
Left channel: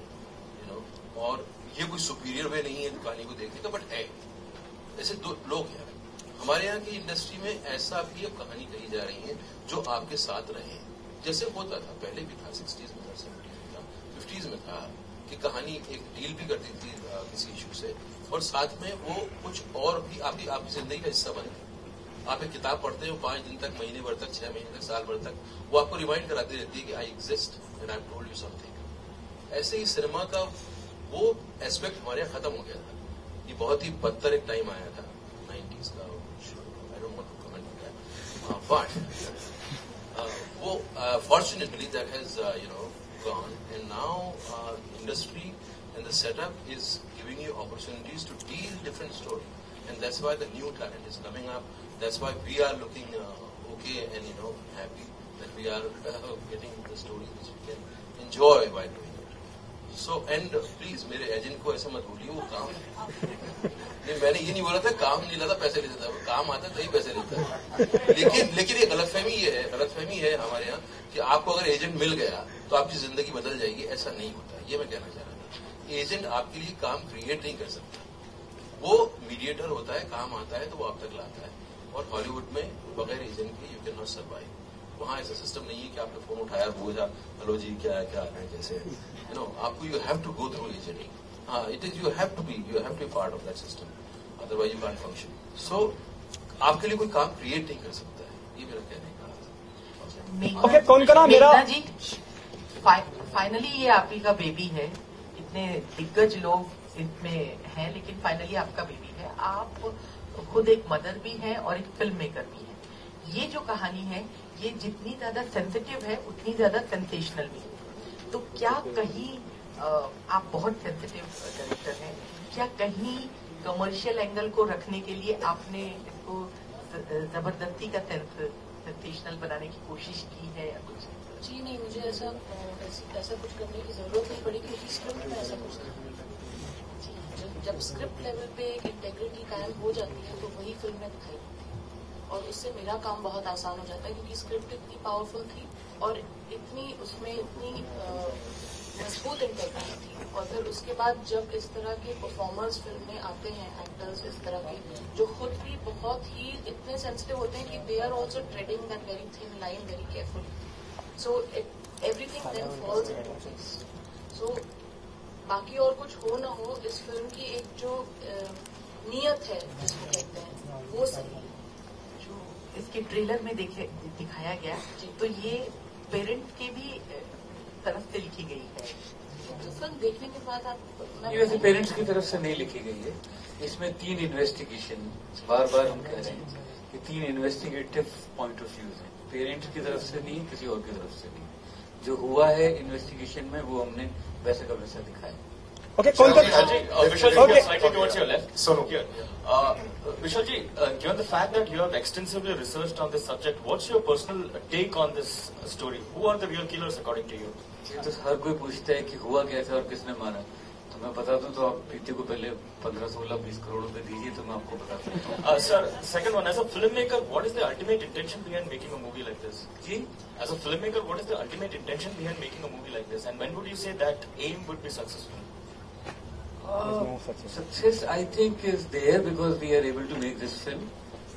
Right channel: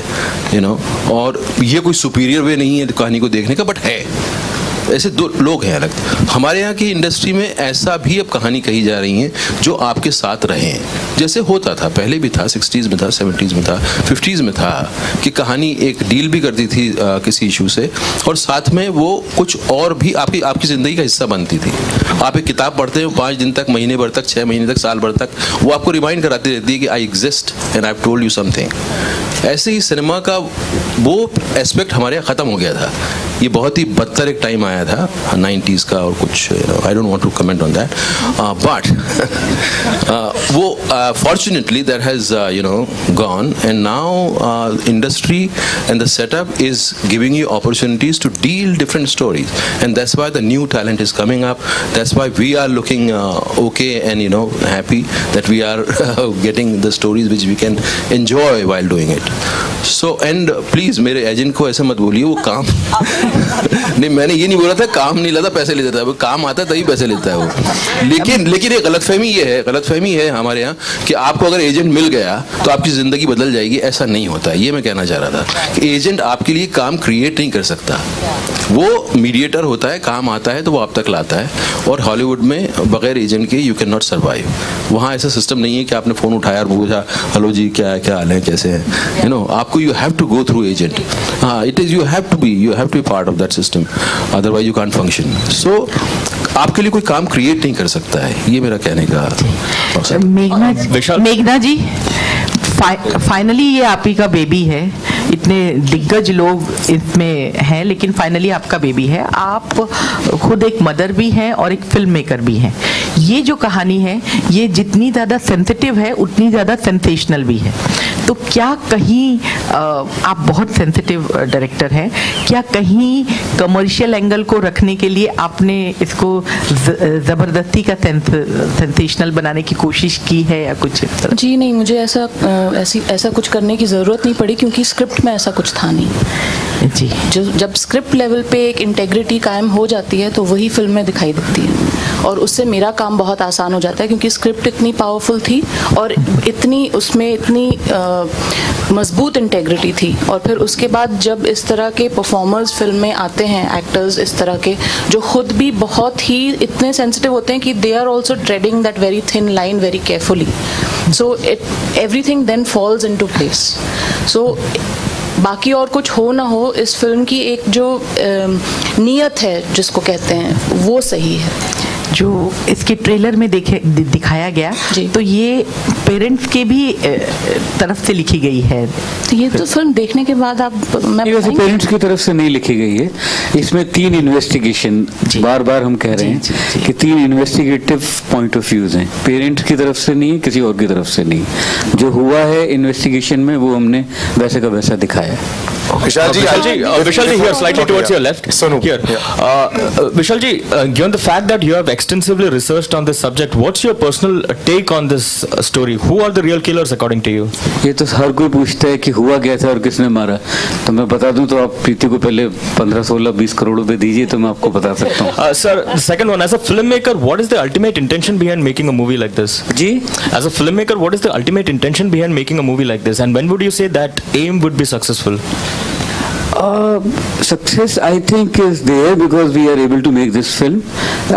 यू नो। और ये कोई सुपीरियर वे नहीं है कहानी को देखने का, बट है ऐसे दो लोग हैं अलग। हमारे यहाँ की इंडस्ट्री में ऐसा भी अब कहानी कही जा रही है जो आपके साथ रहें, जैसे होता था पहले भी था, 60s में था, 70s में था, 50s में था कि कहानी एक डील भी करती थी किसी इशू से और साथ में वो कुछ और भी आपकी ज़िंदगी का हिस्सा बनती थी। आप एक किताब पढ़ते हो 5 दिन तक, महीने भर तक, 6 महीने तक, साल भर तक, वो आपको रिमाइंड कराती रहती है कि I exist and I have told you something. ऐसे ही सिनेमा का वो एस्पेक्ट हमारे यहाँ ख़त्म हो गया था। ये बहुत ही बदतर एक टाइम आया था 90s का और कुछ, I don't want to comment on that, but वो fortunately that has gone and now industry and the setup is giving you opportunities to deal different stories and that's why the new talent is coming up, that's why we are looking okay and happy that we are getting the stories which we can enjoy while doing it. So and please मेरे agent को ऐसे मत बोलिए, वो काम नहीं, मैंने ये नहीं बोला था काम नहीं लेता पैसे ले देता है, वो काम आता है तभी पैसे लेता है वो। लेकिन ये गलतफहमी है हमारे यहाँ कि आपको अगर एजेंट मिल गया तो आपकी ज़िंदगी बदल जाएगी, ऐसा नहीं होता है। ये मैं कहना चाह रहा था कि एजेंट आपके लिए काम क्रिएट नहीं कर सकता, वो मीडिएटर होता है, काम आता है तो वो आप तक लाता है। और हॉलीवुड में बगैर एजेंट के यू कैन नॉट सर्वाइव। वहाँ ऐसा सिस्टम नहीं है कि आपने फ़ोन उठाया और पूछा हेलो जी क्या हाल है, कैसे हैं, आपको you have to go through agent. हाँ, it is you have to be part of that system, otherwise you can't function. So आपके लिए कोई काम क्रिएट नहीं कर सकता है, ये मेरा कहने का। मेघना जी, फाइनली ये आप ही का बेबी है, इतने दिग्गज लोग इसमें हैं लेकिन फाइनली आपका बेबी है। आप खुद एक मदर भी हैं और एक फिल्म मेकर भी हैं। ये जो कहानी है ये जितनी ज़्यादा सेंसिटिव है उतनी ज़्यादा सेंसेशनल भी है। तो क्या कहीं आप बहुत सेंसिटिव डायरेक्टर हैं, क्या कहीं कमर्शियल एंगल को रखने के लिए आपने इसको ज़बरदस्ती का सेंसेशनल बनाने की कोशिश की है या कुछ? जी नहीं, मुझे ऐसा कुछ करने की ज़रूरत नहीं पड़ी क्योंकि स्क्रिप्ट में ऐसा कुछ था नहीं जी। जब स्क्रिप्ट लेवल पे एक इंटेग्रिटी कायम हो जाती है तो वही फिल्म में दिखाई देती है और उससे मेरा काम बहुत आसान हो जाता है क्योंकि स्क्रिप्ट इतनी पावरफुल थी और उसमें इतनी मजबूत इंटेग्रिटी थी। और फिर उसके बाद जब इस तरह के परफॉर्मर्स फिल्म में आते हैं, एक्टर्स इस तरह के जो खुद भी बहुत ही इतने सेंसिटिव होते हैं कि they are also trading that very thin line very carefully, so everything then falls into place. So बाकी और कुछ हो ना हो, इस फिल्म की एक जो नीयत है जिसको कहते हैं वो सही है। जो इसके ट्रेलर में दिखाया गया तो ये पेरेंट्स के भी तरफ से लिखी गई है। तो ये तो फिल्म देखने के बाद आप वैसे पेरेंट्स की तरफ से नहीं लिखी गई है, इसमें 3 इन्वेस्टिगेशन, बार बार हम कह रहे हैं कि 3 इन्वेस्टिगेटिव पॉइंट ऑफ व्यूज हैं, पेरेंट्स की तरफ से नहीं है, किसी और की तरफ से नहीं। जो हुआ है इन्वेस्टिगेशन में वो हमने वैसे का वैसा दिखाया है। Vishal ji, here slightly towards your left. Here. Vishal ji, given the fact that you have extensively researched on this subject, what's your personal take on this story? Who are the real killers according to you? ये तो हर कोई पूछता है कि हुआ क्या था और किसने मारा, तो मैं बता दूं तो आप प्रीति को पहले 15, 16, 20 करोड़ रुपए दीजिए तो मैं आपको बता सकता हूँ। Sir, the second one, as a filmmaker, what is the ultimate intention behind making a movie like this? Ji? As a filmmaker, what is the ultimate intention behind making a movie like this? And when would you say that aim would be successful? Success, I think, is there because we are able to make this film.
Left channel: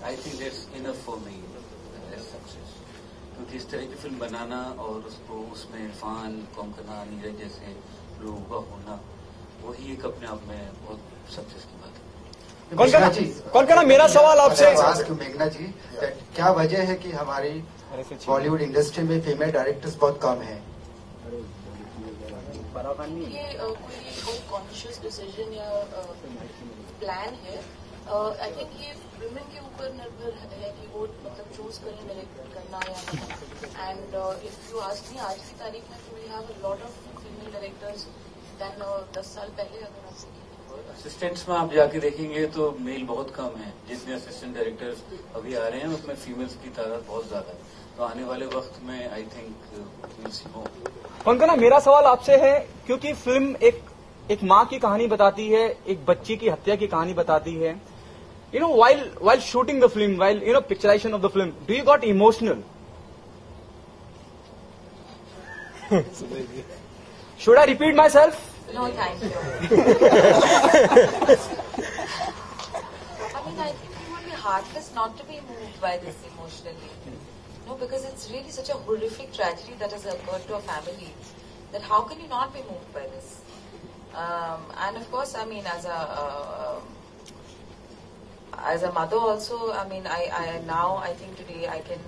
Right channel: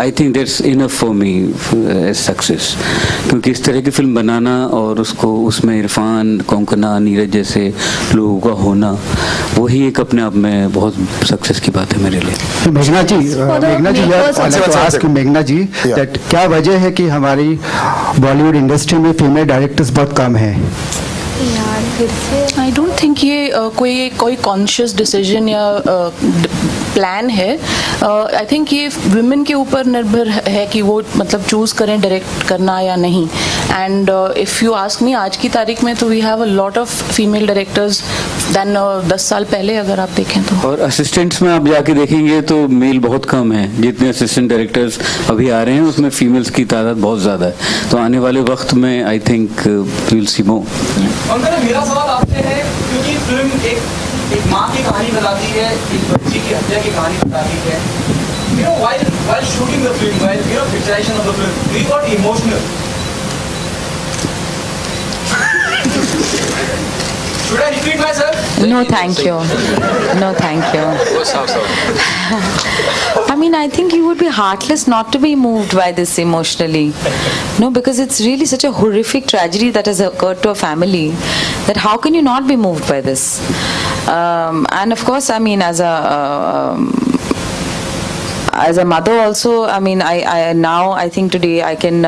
I think that's enough for me as success. क्योंकि इस तरह की film बनाना और उसको उसमें इरफान, कोंकणा, नीरज जैसे लोगों का होना, वही एक अपने आप में बहुत सक्सेस की बात है मेरे लिए। मेघना जी, क्या वजह है कि हमारी बॉलीवुड इंडस्ट्री में फीमेल डायरेक्टर्स बहुत कम हैं? I don't think ये कोई conscious decision या प्लान है. I think ये women के ऊपर निर्भर है कि वो मतलब choose करें direct करना या नहीं. And if you ask me, आज की तारीख में तो we have a lot of female directors than 10 साल पहले अगर आप देखें तो. और assistants में आप जाके देखेंगे तो मेल बहुत कम है. जितने assistant directors अभी आ रहे हैं उसमें females की तादाद बहुत ज़्यादा है. तो आने वाले वक्त में I think we will see more. मेरा सवाल आपसे है क्योंकि फिल्म एक माँ की कहानी बताती है, एक बच्ची की हत्या की कहानी बताती है. You know, while shooting the film, while picturization of the film, we got emotional. Should I repeat myself? No, thank you. No, thank you. I mean, I think you would be heartless not to be moved by this emotionally. No, because it's really such a horrific tragedy that has occurred to a family that how can you not be moved by this? And of course, I mean, as a mother also, I mean, I think today I can,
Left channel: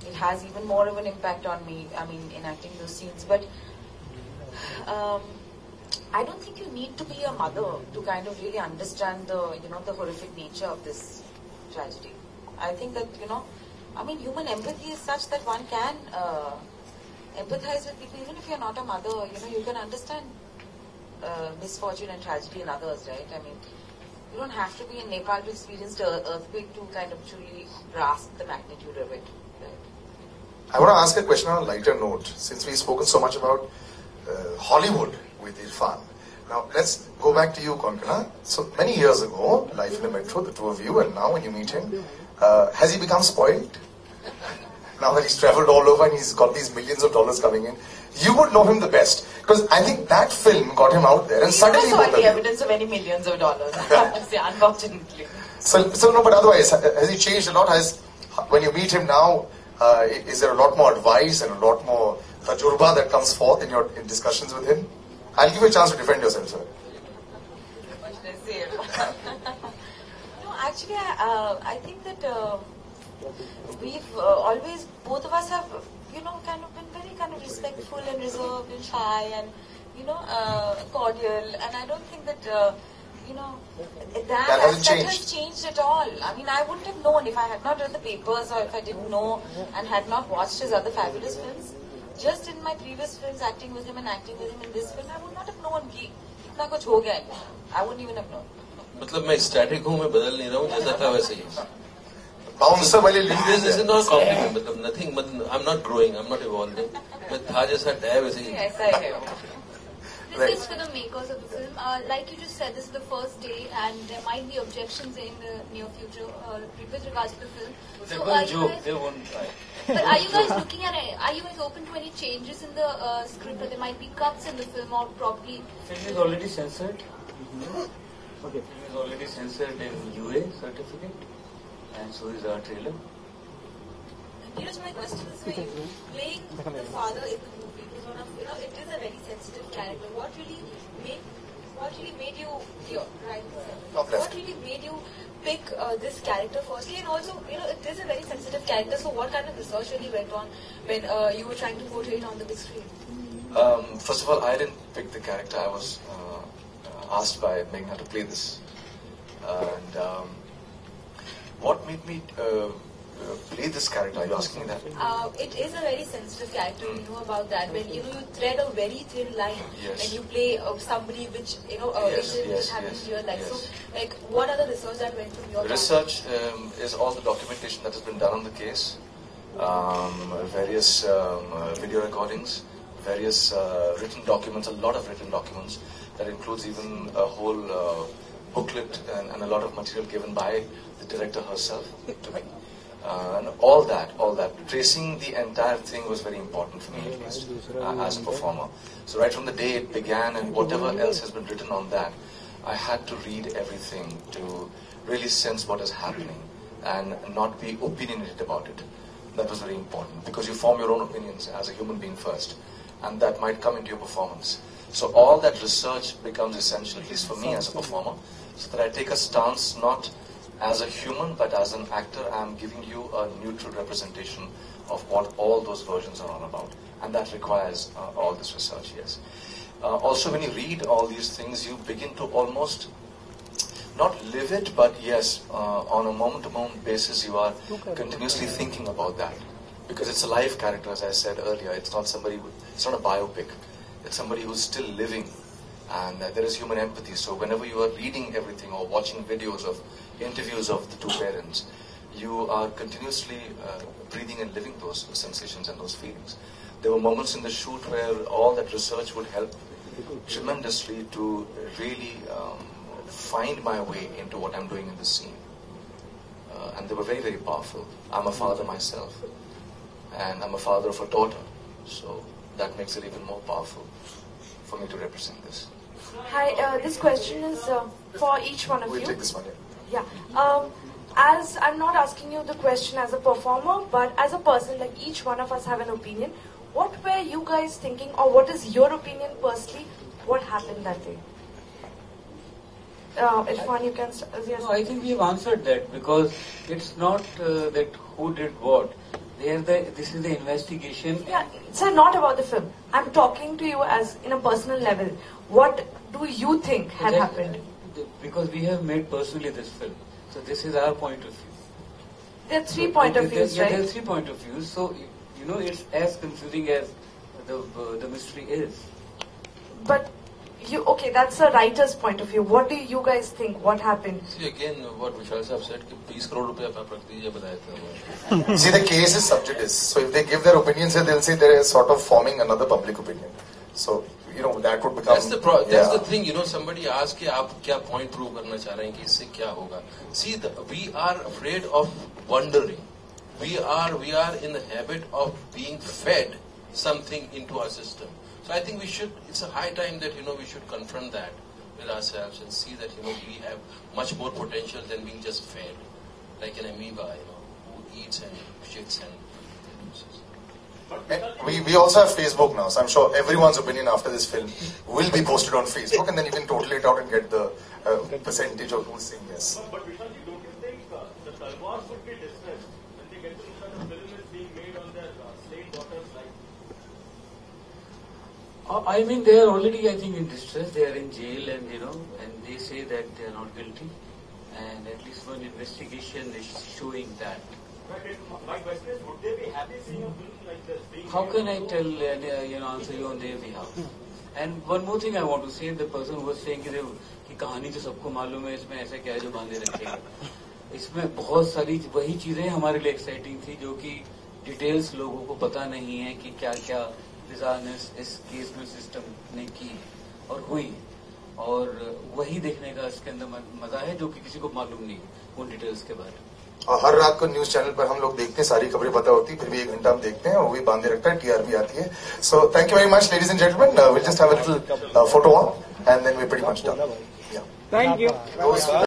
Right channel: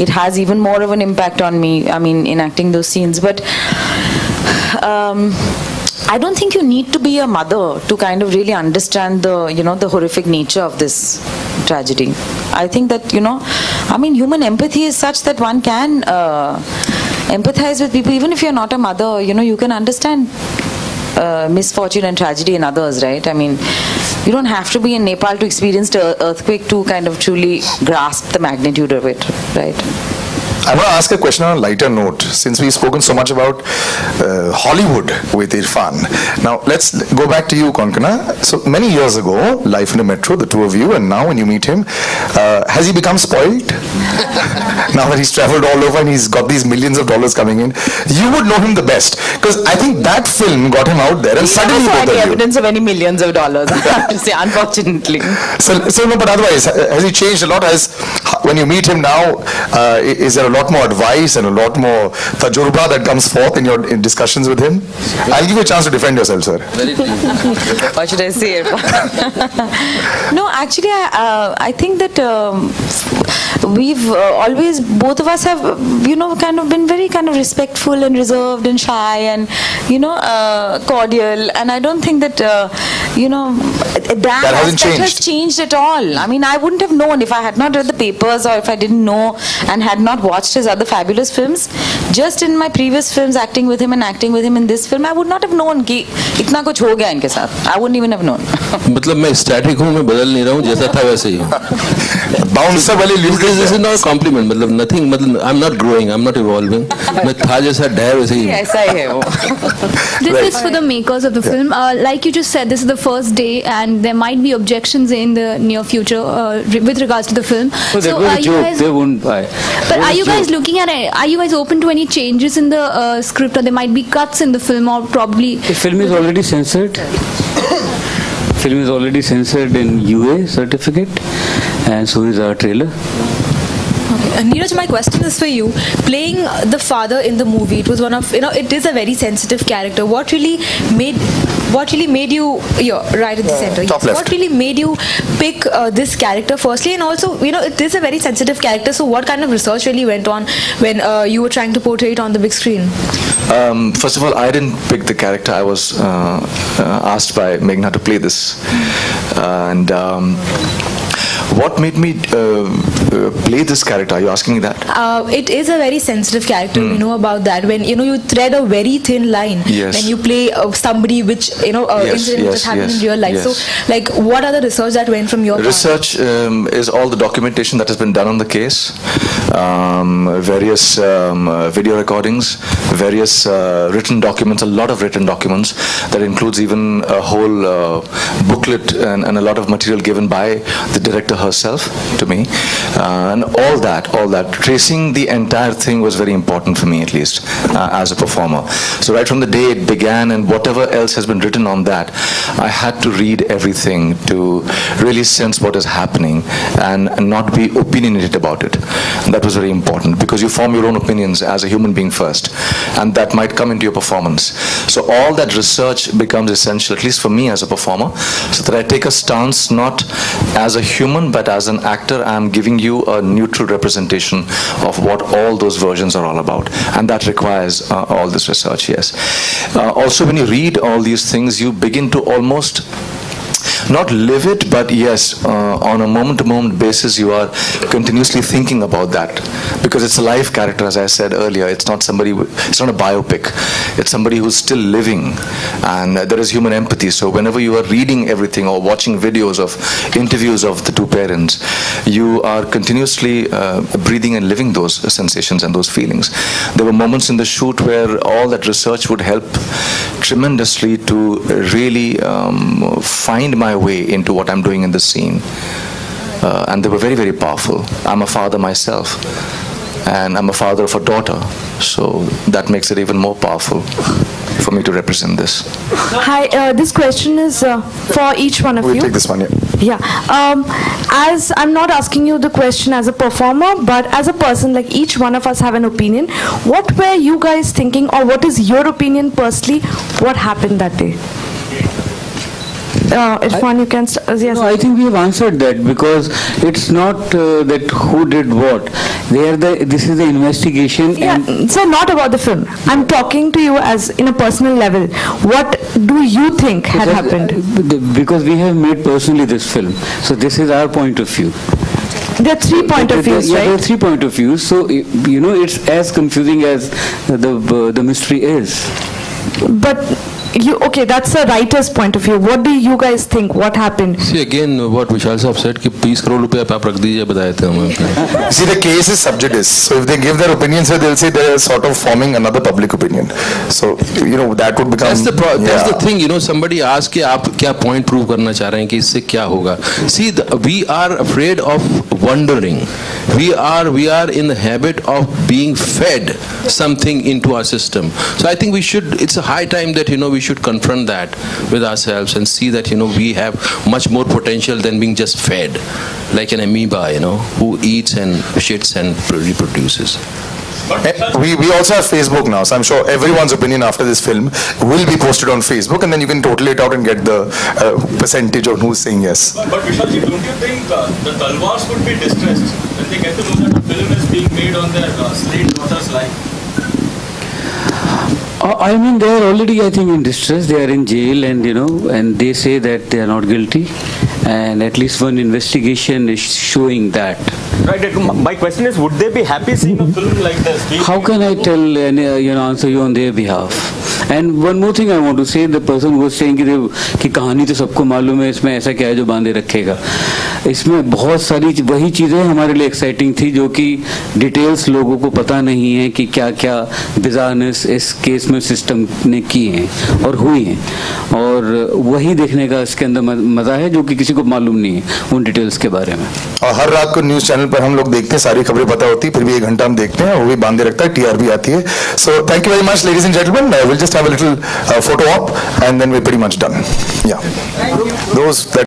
it has even more of an impact on me, I mean, enacting those scenes. But I don't think you need to be a mother to kind of really understand the horrific nature of this tragedy. I think that, I mean, human empathy is such that one can empathize with people, even if you're not a mother, you can understand misfortune and tragedy in others, right? I mean, you don't have to be in Nepal to experience the earthquake to kind of truly grasp the magnitude of it, right? I want to ask a question on a lighter note, since we've spoken so much about Hollywood with Irfan. Now, let's go back to you, Konkana. So, many years ago, Life in the Metro, the two of you, and now when you meet him, has he become spoiled? Now that he's traveled all over and he's got these millions of dollars coming in, you would know him the best. Because I think that film got him out there and suddenly both of you. Evidence of any millions of dollars, I have to say, unfortunately. So no, but otherwise, has he changed a lot? When you meet him now, is there a lot more advice and a lot more tajurba that comes forth in discussions with him? I'll give you a chance to defend yourself, sir. What should I say? No, actually, I think that we've always, both of us have, kind of been very kind of respectful and reserved and shy and, cordial. And I don't think that, that has changed at all. I mean, I wouldn't have known if I had not read the papers or if I didn't know and had not watched his other fabulous films. Just in my previous films, acting with him and acting with him in this film, I would not have known कि इतना कुछ हो गया इनके साथ. I wouldn't even have known. मतलब मैं static हूँ, मैं बदल नहीं रहा हूँ, जैसा था वैसे ही हूँ. Bouncer वाली this is not a compliment. मतलब nothing. मतलब I'm not growing, I'm not evolving. मैं था जैसा डर वैसे ही. ऐसा ही है वो. This is for the makers of the film. Like you just said, this is the first day, and there might be objections in the near future with regards to the film. So was a joke. They wouldn't buy. But are you guys looking at it? Are you guys open to any changes in the script, or there might be cuts in the film, or probably? The film is already censored. Film is already censored in UA certificate, and so is our trailer. Neeraj, my question is for you. Playing the father in the movie, it was one of, it is a very sensitive character. What really made you, right at the center. Top left. What really made you pick this character firstly, and also, it is a very sensitive character. So what kind of research really went on when you were trying to portray it on the big screen? First of all, I didn't pick the character. I was asked by Meghna to play this. And what made me play this character? Are you asking me that? It is a very sensitive character. We know about that. When you thread a very thin line when you play somebody which incident that happened in real life. So, like, what are the research that went from your research? Is all the documentation that has been done on the case, various video recordings, various written documents, a lot of written documents that includes even a whole booklet and a lot of material given by the director herself to me, and all that tracing the entire thing was very important for me, at least as a performer. So right from the day it began and whatever else has been written on that, I had to read everything to really sense what is happening and not be opinionated about it. And that was very important, because you form your own opinions as a human being first, and that might come into your performance. So all that research becomes essential, at least for me as a performer, so that I take a stance not as a human but as an actor, I'm giving you a neutral representation of what all those versions are all about. And that requires all this research, yes. Also, when you read all these things, you begin to almost not live it, but yes, on a moment-to-moment basis, you are continuously thinking about that, because it's a live character, as I said earlier. It's not somebody. It's not a biopic. It's somebody who's still living, and there is human empathy. So whenever you are reading everything or watching videos of interviews of the two parents, you are continuously breathing and living those sensations and those feelings. There were moments in the shoot where all that research would help tremendously to really find my way into what I'm doing in the scene. And they were very, very powerful. I'm a father myself, and I'm a father of a daughter, so that makes it even more powerful for me to represent this. Hi, this question is for each one of you. We'll take this one, yeah. Yeah. As I'm not asking you the question as a performer, but as a person, like each one of us have an opinion. What were you guys thinking, or what is your opinion personally? What happened that day? Irfan, you can yes. No, I think we have answered that, because it's not that who did what. This is the investigation. Yeah, so not about the film. I'm talking to you as in a personal level. What do you think had happened? Because we have made personally this film. So this is our point of view. There are 3 points of view, right? Yeah, there are 3 points of view. So, you know, it's as confusing as the mystery is. But okay, that's a writer's point of view. What do you guys think? What happened? See, again, what Vishal Sahab said, कि 20 crore रुपया आप रख दीजिए बताए थे हमें. See, the case is subjudiced. So if they give their opinion, so they'll say they're sort of forming another public opinion. So, you know, that would become... That's the thing, you know, somebody asked कि आप क्या point prove करना चाह रहे हैं कि इससे क्या होगा. See, we are afraid of wondering. We are in the habit of being fed something into our system. So I think it's a high time that, you know, we should confront that with ourselves and see that, you know, we have much more potential than being just fed like an amoeba, you know, who eats and shits and reproduces. We also have Facebook now, so I'm sure everyone's opinion after this film will be posted on Facebook, and then you can total it out and get the percentage of who's saying yes. But Vishalji, don't you think the Talwars would be distressed when they get to know that a film is being made on their slave daughter's life? I mean, they are already, I think, in distress. They are in jail, and you know, and they say that they are not guilty, and at least one investigation is showing that. Right. My question is, would they be happy seeing a film like this? How can I tell, you know, answer you on their behalf? And one more thing I want to say: the person who was saying कि कहानी तो सबको मालूम है, इसमें ऐसा क्या है जो बांधे रखेगा. इसमें बहुत सारी वही चीज़ें हमारे लिए एक्साइटिंग थी जो कि डिटेल्स लोगों को पता नहीं है कि क्या-क्या बिज़ारनेस इस केस में सिस्टम ने की हैं और हुई हैं, और वही देखने का इसके अंदर मज़ा है जो कि किसी को मालूम नहीं है उन डिटेल्स के बारे में. और हर रात को न्यूज़ चैनल पर हम लोग देखते हैं, सारी खबरें पता होती है, फिर भी 1 घंटा हम देखते हैं, वो भी बांधे रखता है, TRP आती है. So thank you very much, ladies and gentlemen. We'll just have a little photo op, and then we're pretty much done. Yeah. Those that